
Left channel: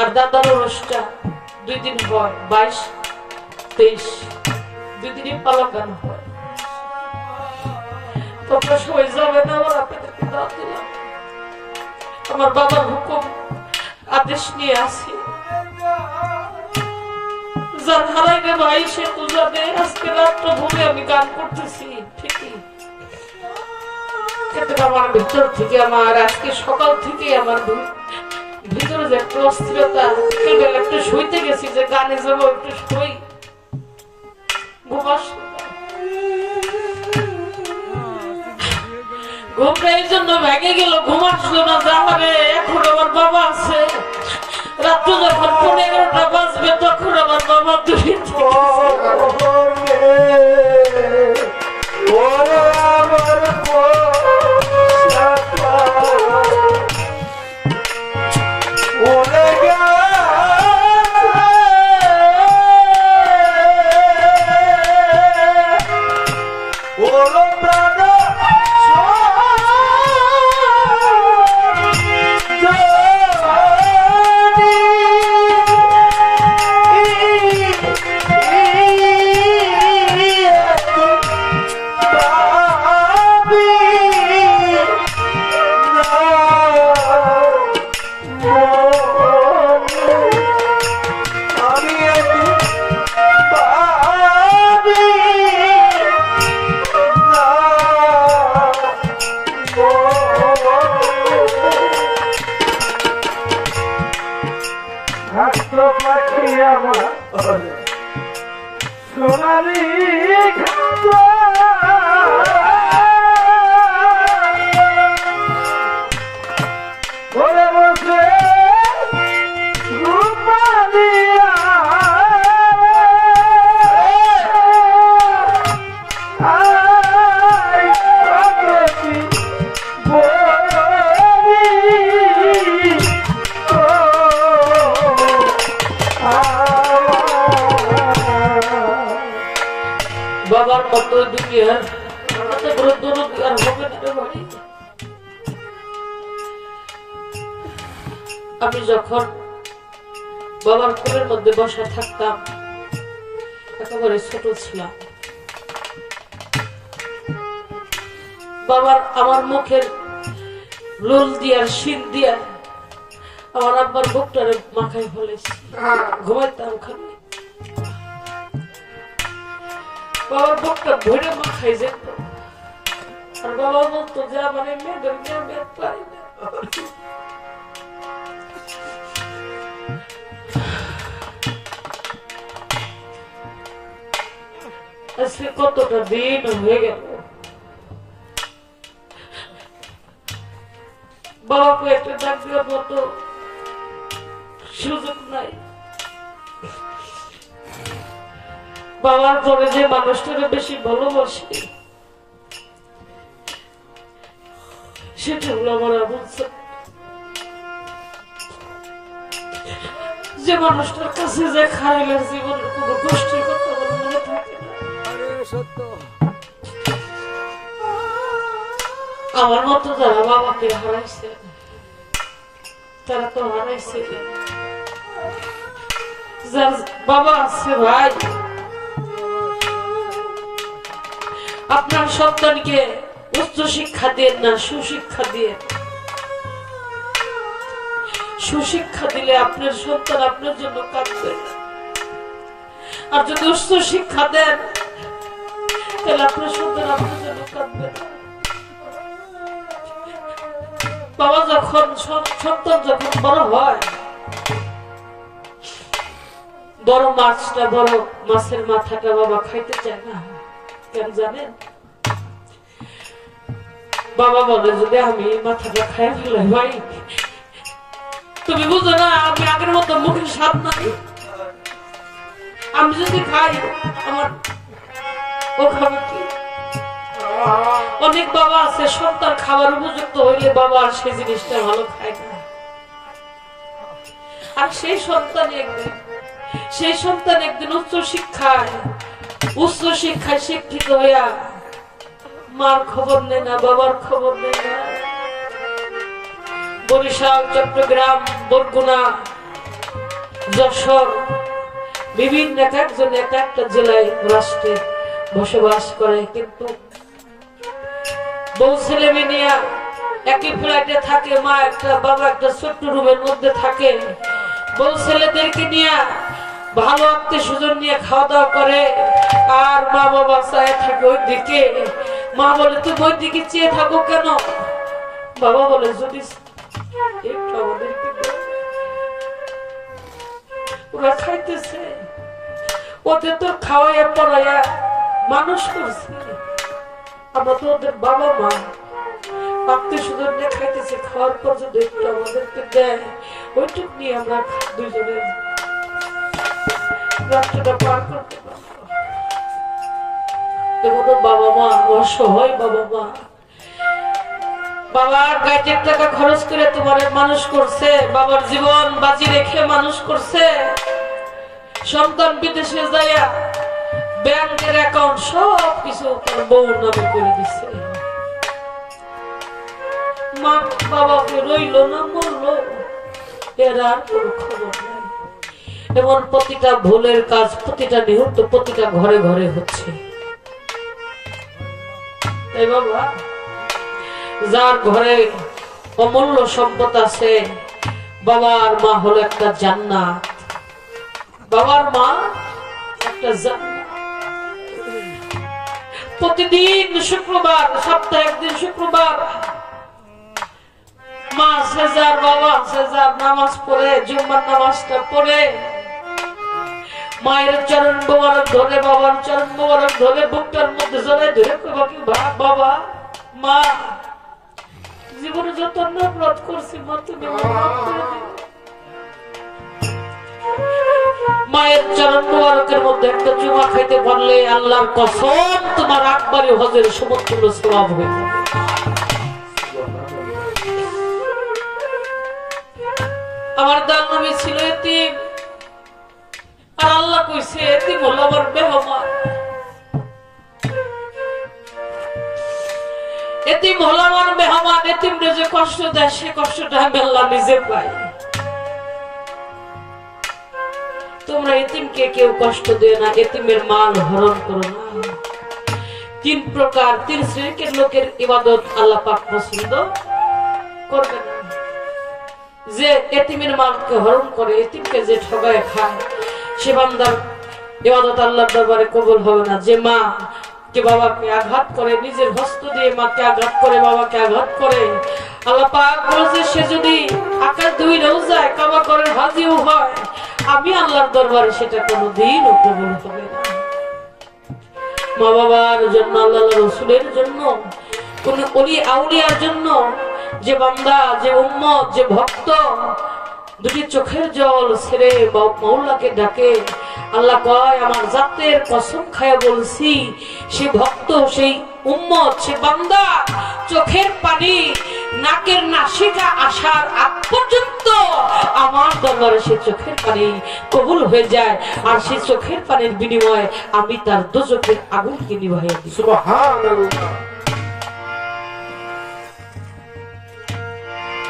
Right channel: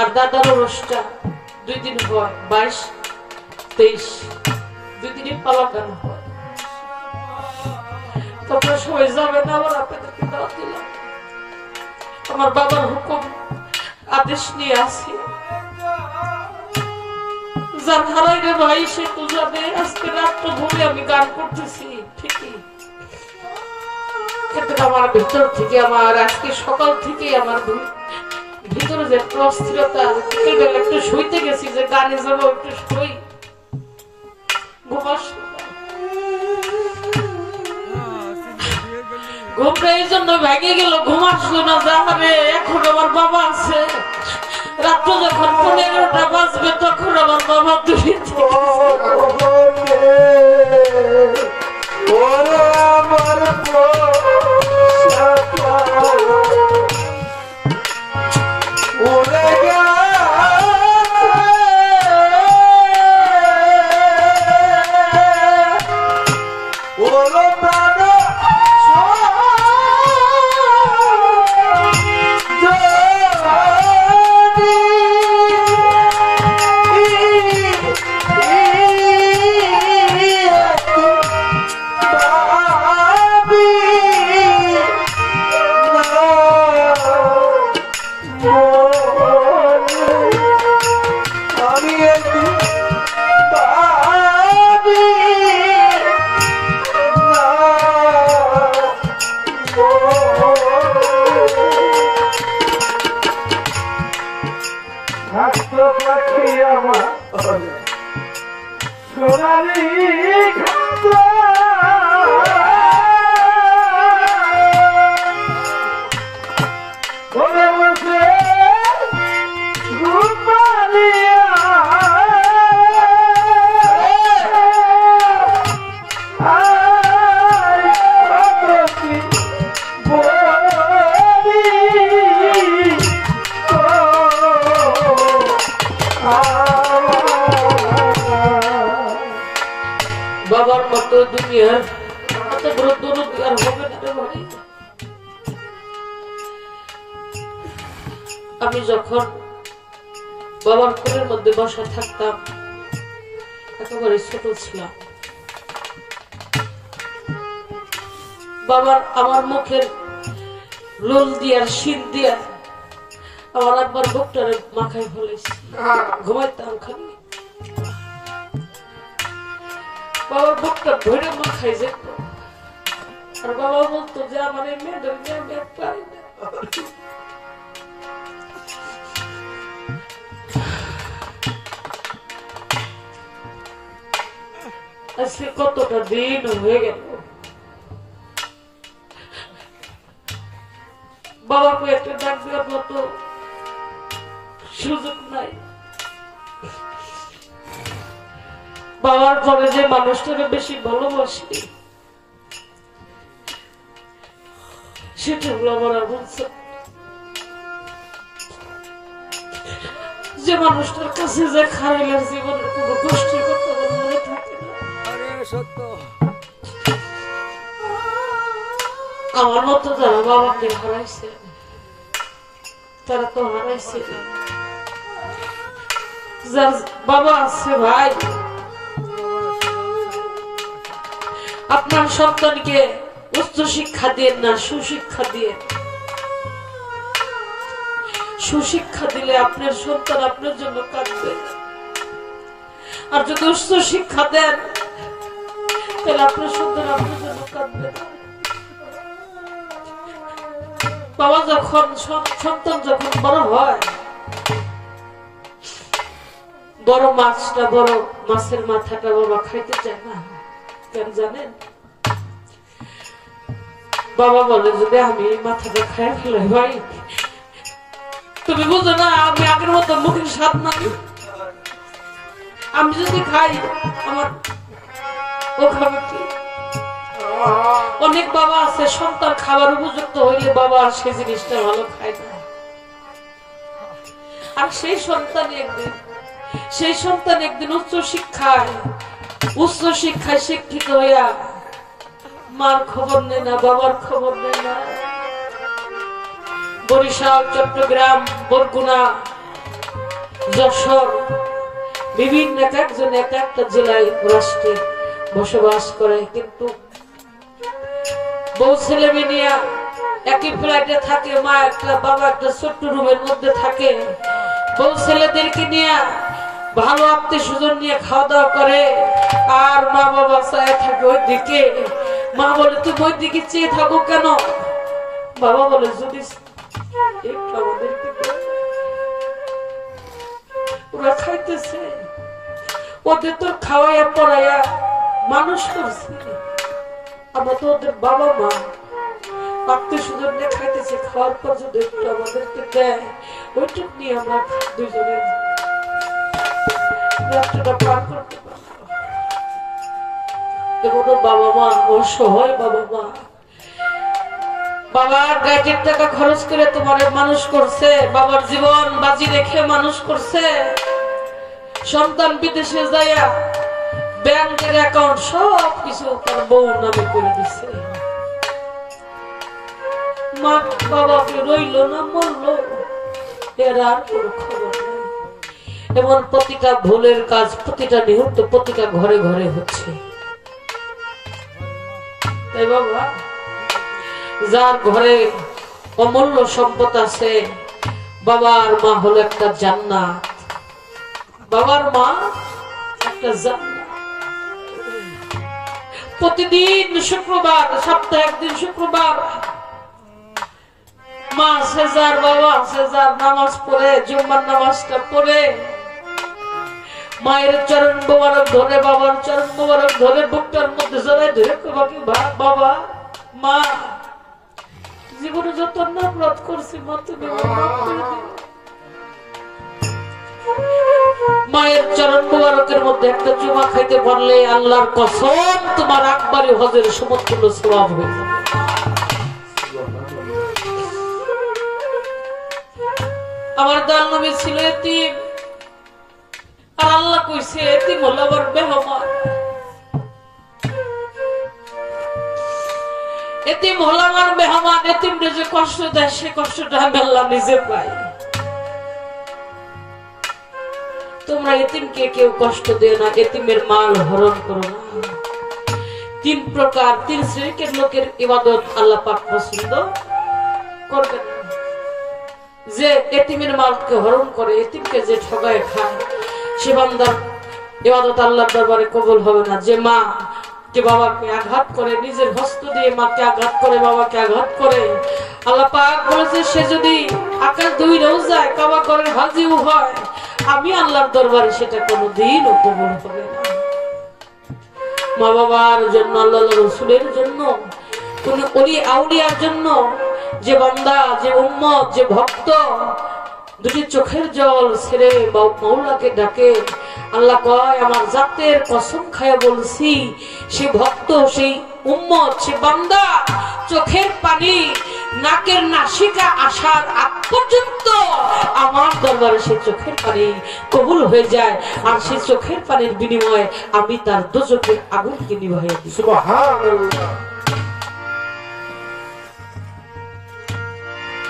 আর দাদার রসটা 2 দিন হয়, 22-23 2 দিনই পালা গান হয়। তোমরা সবাই যাবে না, আমার আপনাদেরকে দাওয়াত দিলাম। আমার বাবার হুকুম আদেশ নিয়ে আসি, যার হারাইলে ভাই সে তো জানে। আজকে রাত্র ভুলে আমি গান করতেছি ঠিকই, কিন্তু আমার ভিতর থেকে আমার আজকে সকাল থেকে আমার ভিতরে যে একটা অস্থিরতা, একটু শুইতে গেছি যে গানে যাবো, একটু শুই, ঘুমটা এই জন্য ভেঙে গেল, ঘুম আসলো না। যাবে এখন আমার বাবা আছে, রাত্র যখন 15টা বাজবে তখন আমার বাবা দূরে বাবার মতো দুনিয়ার এত বড় দরদ আর হবে না রে ভাই। আমি যখন বাবার কোলের মধ্যে বসা থাকতাম, একেবারে ছোট ছিলাম, বাবার আমার মুখের লোল দিয়ার শীত দিয়া আমার আব্বার বুকটারে মাথায় ফেলেছি, ঘুমাইতাম খালি, বাবার বুকটা ধরে মাথায় যেত, আর বাবা বলতো যে আমার এই মেয়েদের নিয়ে আমি আর পারি না। আজকে কতটা দিন হয়ে গেল, বাবাকে একটা ডাক দেওয়ার মতো সুযোগ নাই। বাবার পরে যে মানুষটাকে বেশি ভালোবাসি সেটা হলো আমার আবুল স্যার। যে মানুষটার কাছে যে খাইলে জীবনের কোন কষ্টের কথা আমার মনে থাকে না। আমার মতো যারা বাবাকে হারাইছে তারা তো হারাইছে, যার বাবা আছে ভাই, আপনার সন্তানকে উচ্চ শিক্ষা দিয়ে না, সুশিক্ষা দিয়ে। সুশিক্ষা দিলে আপনার সন্তান আপনার জন্য কাঁদবে, আর যদি উচ্চ শিক্ষা দেন তাহলে আপনার সন্তান আপনার জন্য কাঁদবে না। বাবা যখন সন্তান যখন বড় হয়, বড় মাছটা বড় মাছের মাথাটা বাবা খাইতে চায় না, কেন জানেন? বাবা বলে যদি আমি মাথাটা খাই ফেলে ভাই, তুমি বুঝো না আমি আগের মতো মুখের স্বাদ নাই, আমি যদি খাই আমার ও খাবে কি? অনেক বাবা আছে সন্তান খাবার উপযুক্ত হইলে বাবা আর সেই জিনিসটা ভালো খায় না, আর সেই সন্তান একদিন উচ্চ শিক্ষায় শিক্ষিত হইয়া মার খবর নেয় না, বাবার খবর নেয় না। বরিশাল, চট্টগ্রাম, বরগুনা, যশোর বিভিন্ন এক একজন এক একটা জেলায় রাষ্ট্রে বসবাস করে, কিন্তু বউ ছেলে মেয়ে নিয়ে একই ফ্ল্যাটে থাকে, মা একটা বাবা একটা ছোট্ট রুমের মধ্যে থাকে, বউ ছেলেদেরকে নিয়ে ভালো আত্মীয় স্বজন নিয়ে খাওয়া দাওয়া করে, আর মা বাবা চায় থাকে ওই দিকে। মা বলে তুমি ওই দিকে চেয়ে থাকো কেন? বাবা বলে যদি ওরা খাইতেছে, ওদের তোর খাওয়াইয়া পড়াইয়া মানুষ করছে, আমরা তো ওদের বাবা মা, আত্মীয় স্বজন নিয়ে খাইতেছে, খাওয়ার পর যদি একটু আমাদেরকে দেয় ওইটুক নিয়ে আমরা দুজনে রাত্রটা পার করতে পারবো। বাবা মা অসহায়, বাবা মা বাবার গাইডের টাকা খরচ করে তোমার মানুষ করছে, বাবার জীবন বাজি রেখে মানুষ করছে, সন্তান বিদেশে যাইয়া ব্যাংকের অ্যাকাউন্ট সব কিছু তার বউ নামে করে দিচ্ছে, মা বাবাকে রইল না মরল, এর আর কোনো খবর নাই। এমন প্রতিটা ভুলের কাজ, প্রতিটা নিহত, প্রতিটা ঘরে ঘরে হচ্ছে। তাই বাবা, যার ঘরে অমূল্য সম্পদ আছে, বাবার মা হলো একটা জান্নাত, বাবার মা একটা জান্নাত। প্রতিদিন শুক্রবার, সপ্তাহে একদিন শুক্রবার মা সেজার বাবা সেজার নামাজ পড়ে, জুম্মার নামাজটা পড়ে মায়ের চরণ মোবারক ধরে, বাবার চরণ মোবারক ধরে বুকটার মধ্যে জড়াই ধরে বাবা মা জীবনে যত অপরাধ করছি মা তুমি মাফ করে দিও। মায়ের চরণ মোবারকের মধ্যে একটা চুমা খাইতে পারলে আল্লাহর কসম তোমার আকবরী হজের সমতুল্য সওয়াব হয়ে যাবে। আমার দয়াল নবী ছিল এতিম, আর আল্লাহ কইছে এতিম হলো আমার মেহমান, এতিম হলো আমার মেহমান। এতিমরে যে কষ্ট দেয় সে কষ্টটা আমি আল্লাহ নিজে পাই। তোমরা এতিমকে কেউ কষ্ট দিও না, এতিমের মাল হরণ করো না। তিন প্রকার, তিন শ্রেণীর লোকের ইবাদত আল্লাহ পাক পছন্দ করবে না। যে এতিমের মালকে হরণ করে, এতিমকে যে ঠগায় খায়, সে বান্দার ইবাদত আল্লাহর দরবারে কবুল হবে না। যে মা কে বাবাকে আঘাত করে, নিজের হস্ত দিয়ে মাকে আঘাত করে, বাবাকে আঘাত করে, আল্লাহ পাক বলেছে সে যদি আকাশ ধুইলেও যায়, কাবা ঘরের হাজিও হয়, আমি আল্লাহর দরবারে সেটা কোনোদিনও কবুল হবে না। মা বাবার জন্য, আল্লাহ রাসূলের জন্য, কোন ওলি আউলিয়ার জন্য যে বান্দা, যে উম্মত, যে ভক্ত দুটি চোখের জল ছেড়ে মাওলাকে ডাকে, আল্লাহ কয় আমার জাতের কসম খায়া বলছি, সে ভক্ত, সেই উম্মত, সে বান্দা চোখের পানি নাকের নাসিকা আসার আগ পর্যন্ত আমার দরবারে সে চোখের পানি কবুল হয়ে যায়, আর সেই চোখের পানির বিনিময়ে আমি তার দোজখের আগুনকে নিভাইয়া দিই। সুবহানাল্লাহ।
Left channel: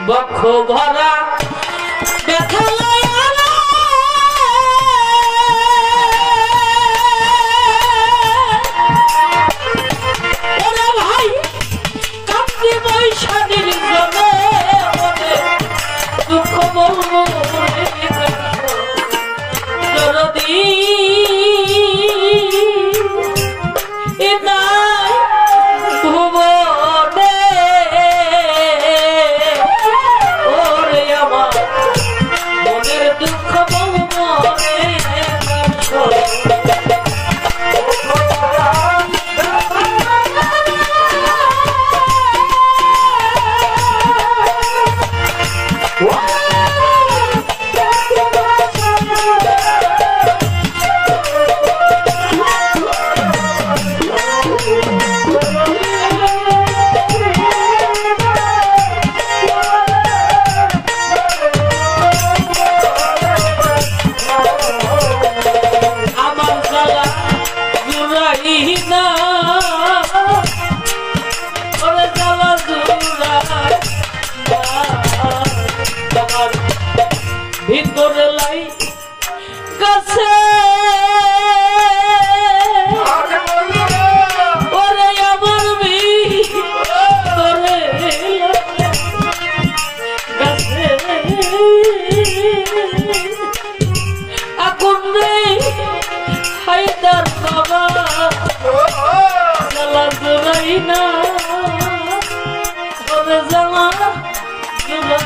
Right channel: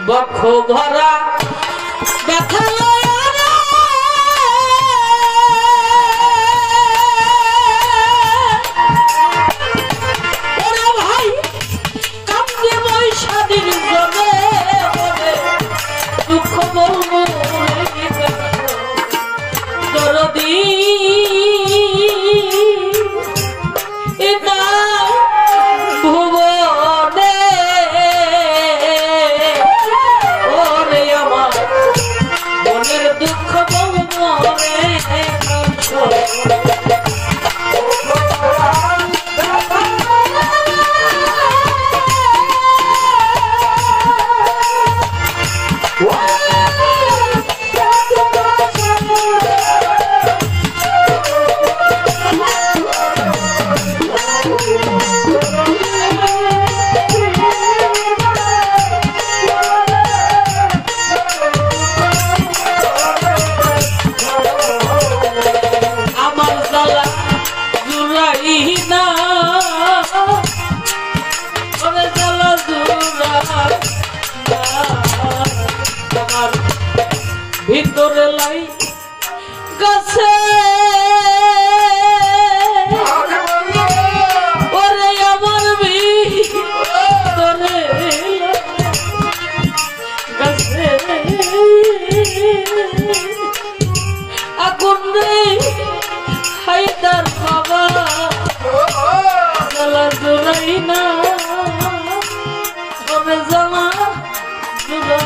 বক্ষ ভরা ব্যথা ভাই কাঁদতে বৈশালীর জমে দুঃখ বলবো দরদি ভুবনে ভিতরে লাই গাছে ওরে আমার ভিতরে গাছে আগুন রে হায়দার বাবা জ্বালা জোড়াই না হবে জ্বালা জোড়া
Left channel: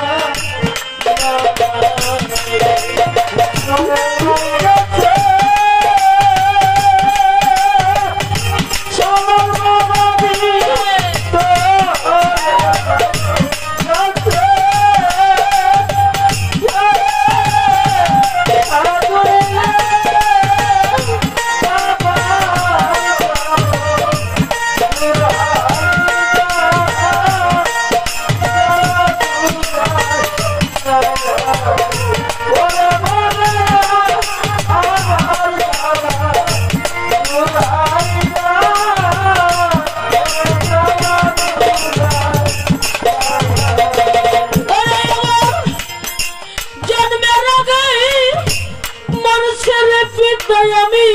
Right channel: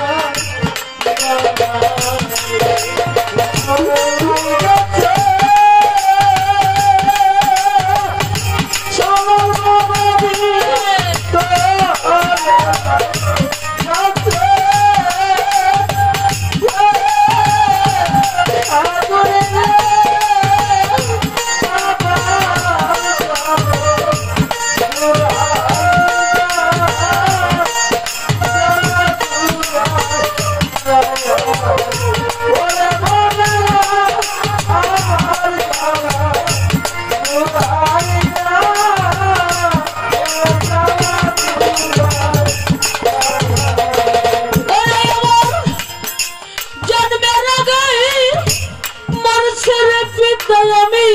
আমি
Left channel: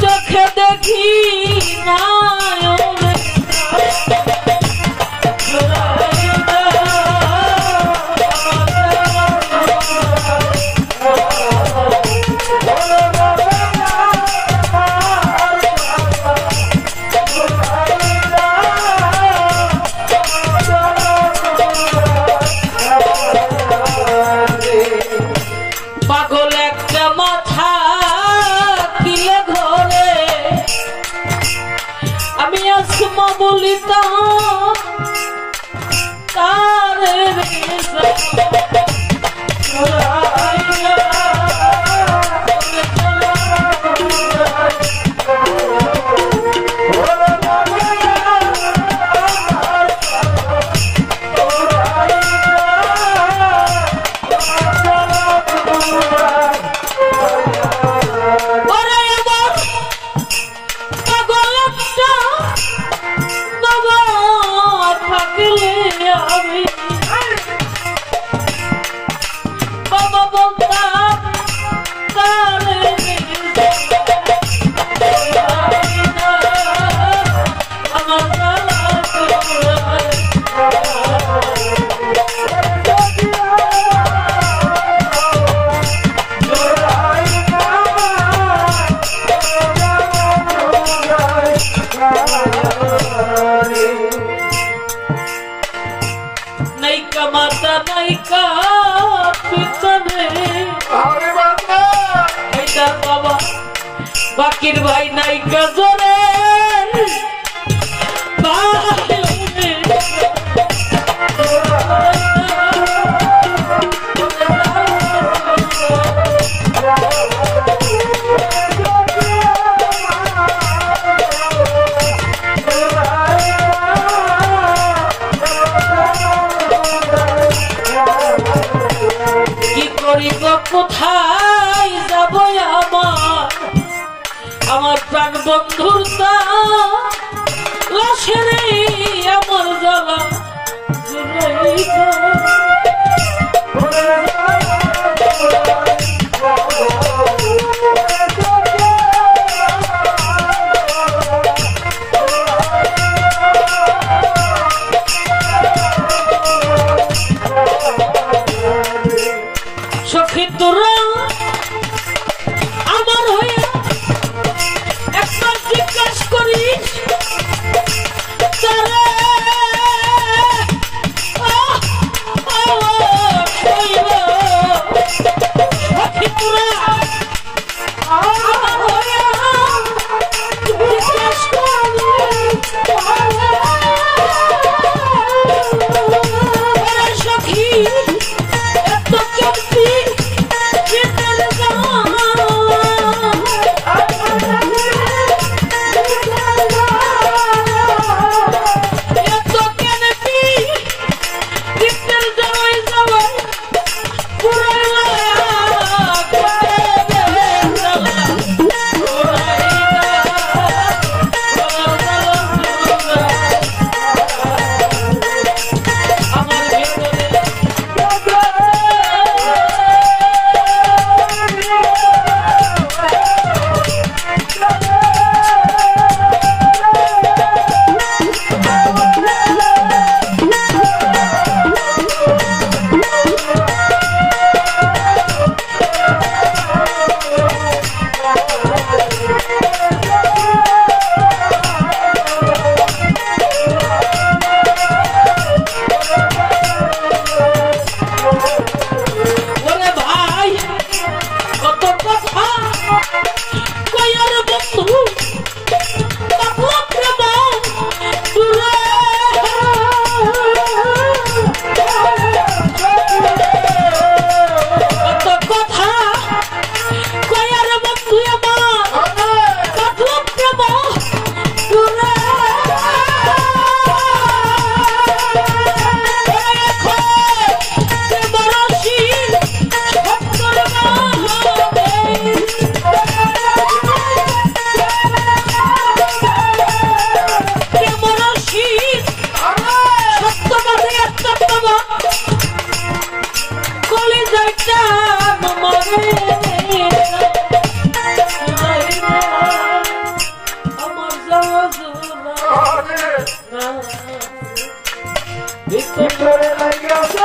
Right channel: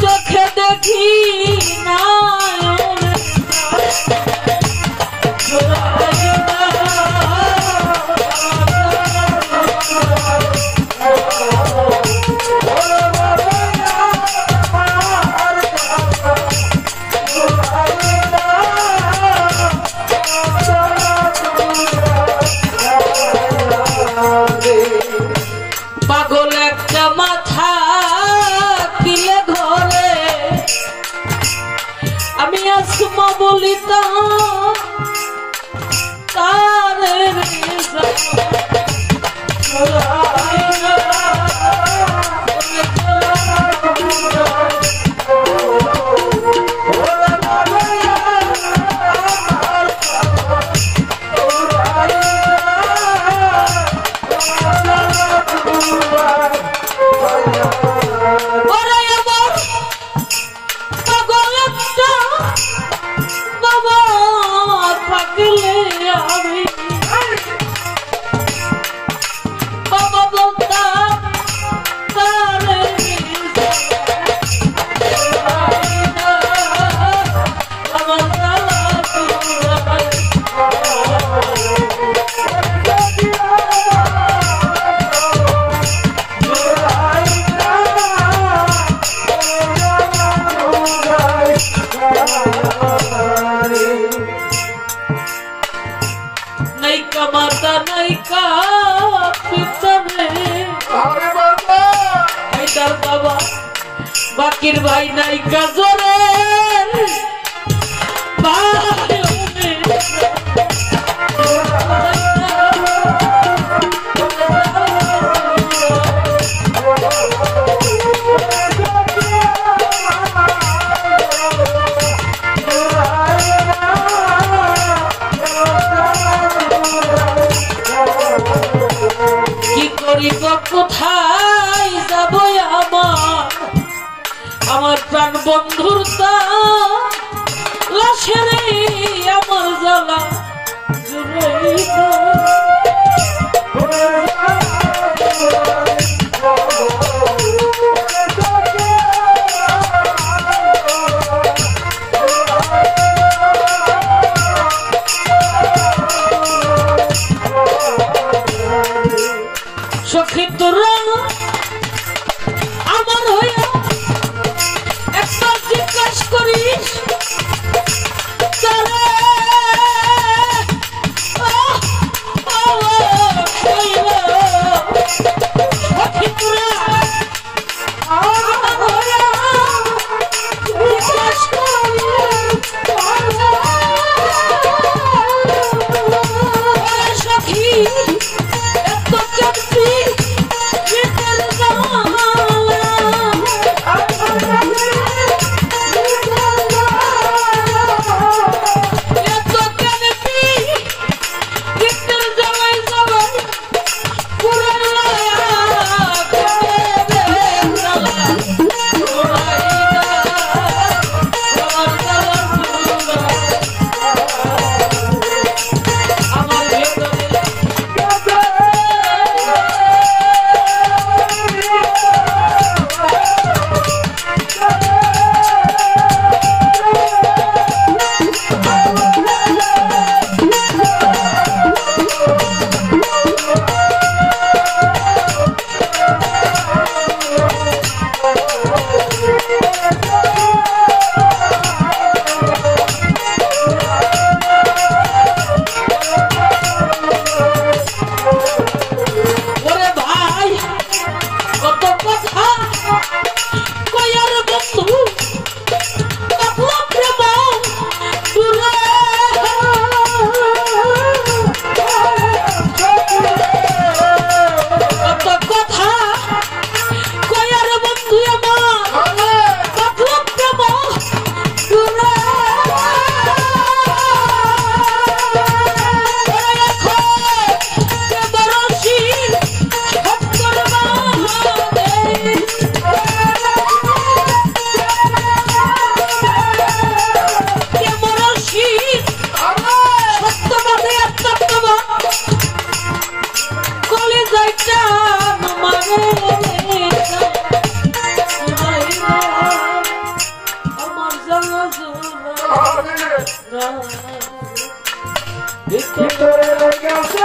চোখে দেখি না পাগল একটা মাথা কিলে ঘরে আমি আসমা বলিতাম তার বাবা বলতাম নাইকা মাতা নাইকা পিছনে হায়দার বাবা বাকির ভাই নাইকা জোরে কোথায় যাব আমার প্রাণ বন্ধুর লাশের আমার জ্বালা সখী তোরা আমার হয়ে একবার জিজ্ঞাসা করিস তারা ভিতরে লেগেছে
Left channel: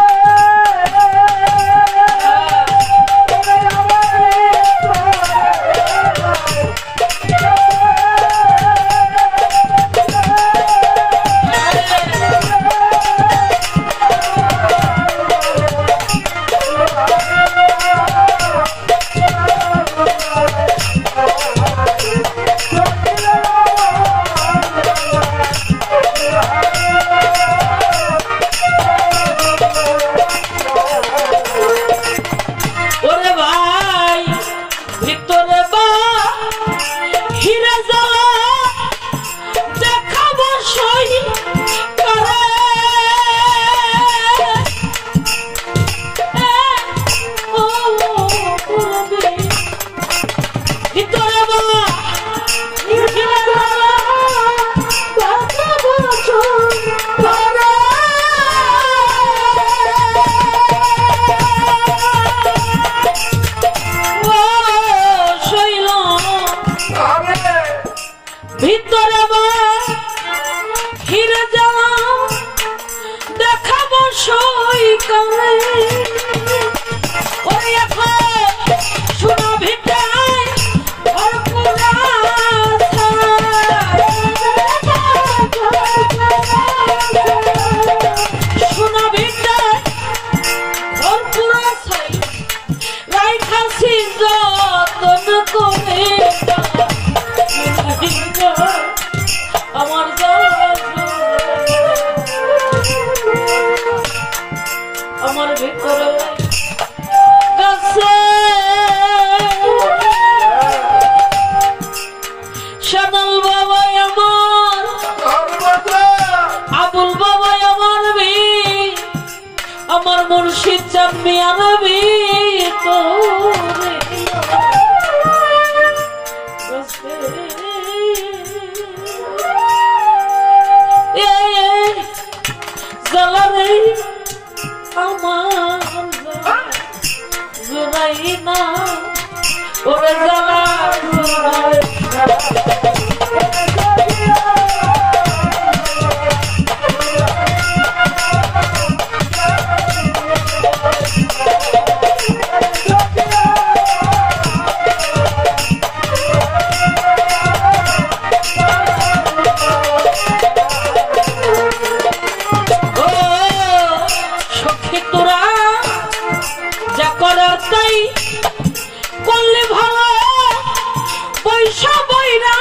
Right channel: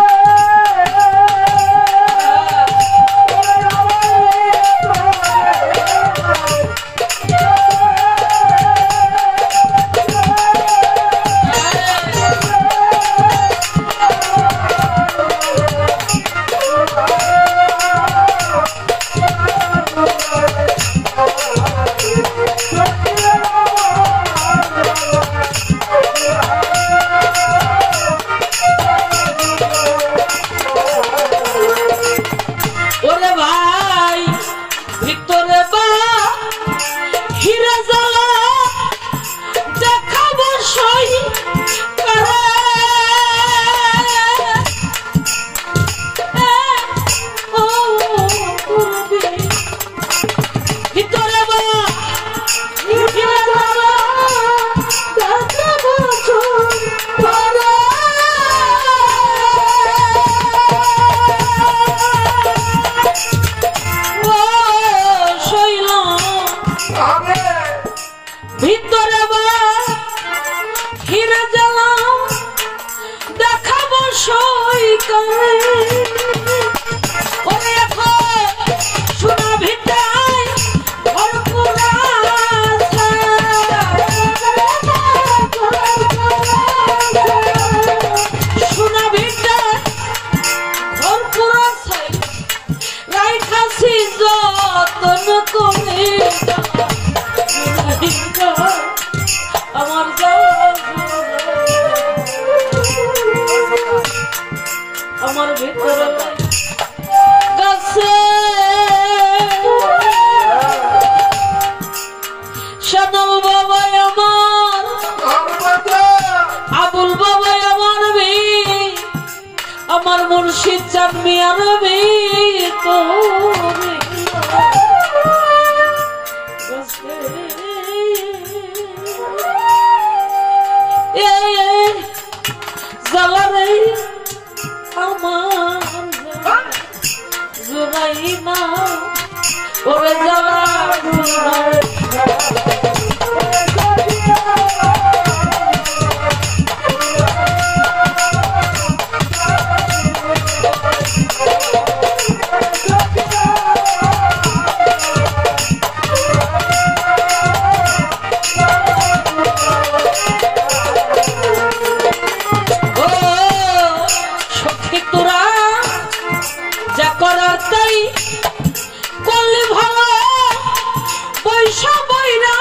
ভিতরে বা হিরে জ্বালা দেখাবো সই কালে ওরে এখন সোনা ভিটায় ভরপুর সোনা ভিটায় ভরপুর রাইখাছি যতন করে আমার আমার ভিতরে গাছে শানল বাবাই আমার আবুল বাবাই আমার আমার মুর্শিদ চাঁদ মিয়ার ভিতরে জ্বালারে আমার জোড়াই না ওরে জ্বালা করার তাই করলে ভালো পয়সা বইরা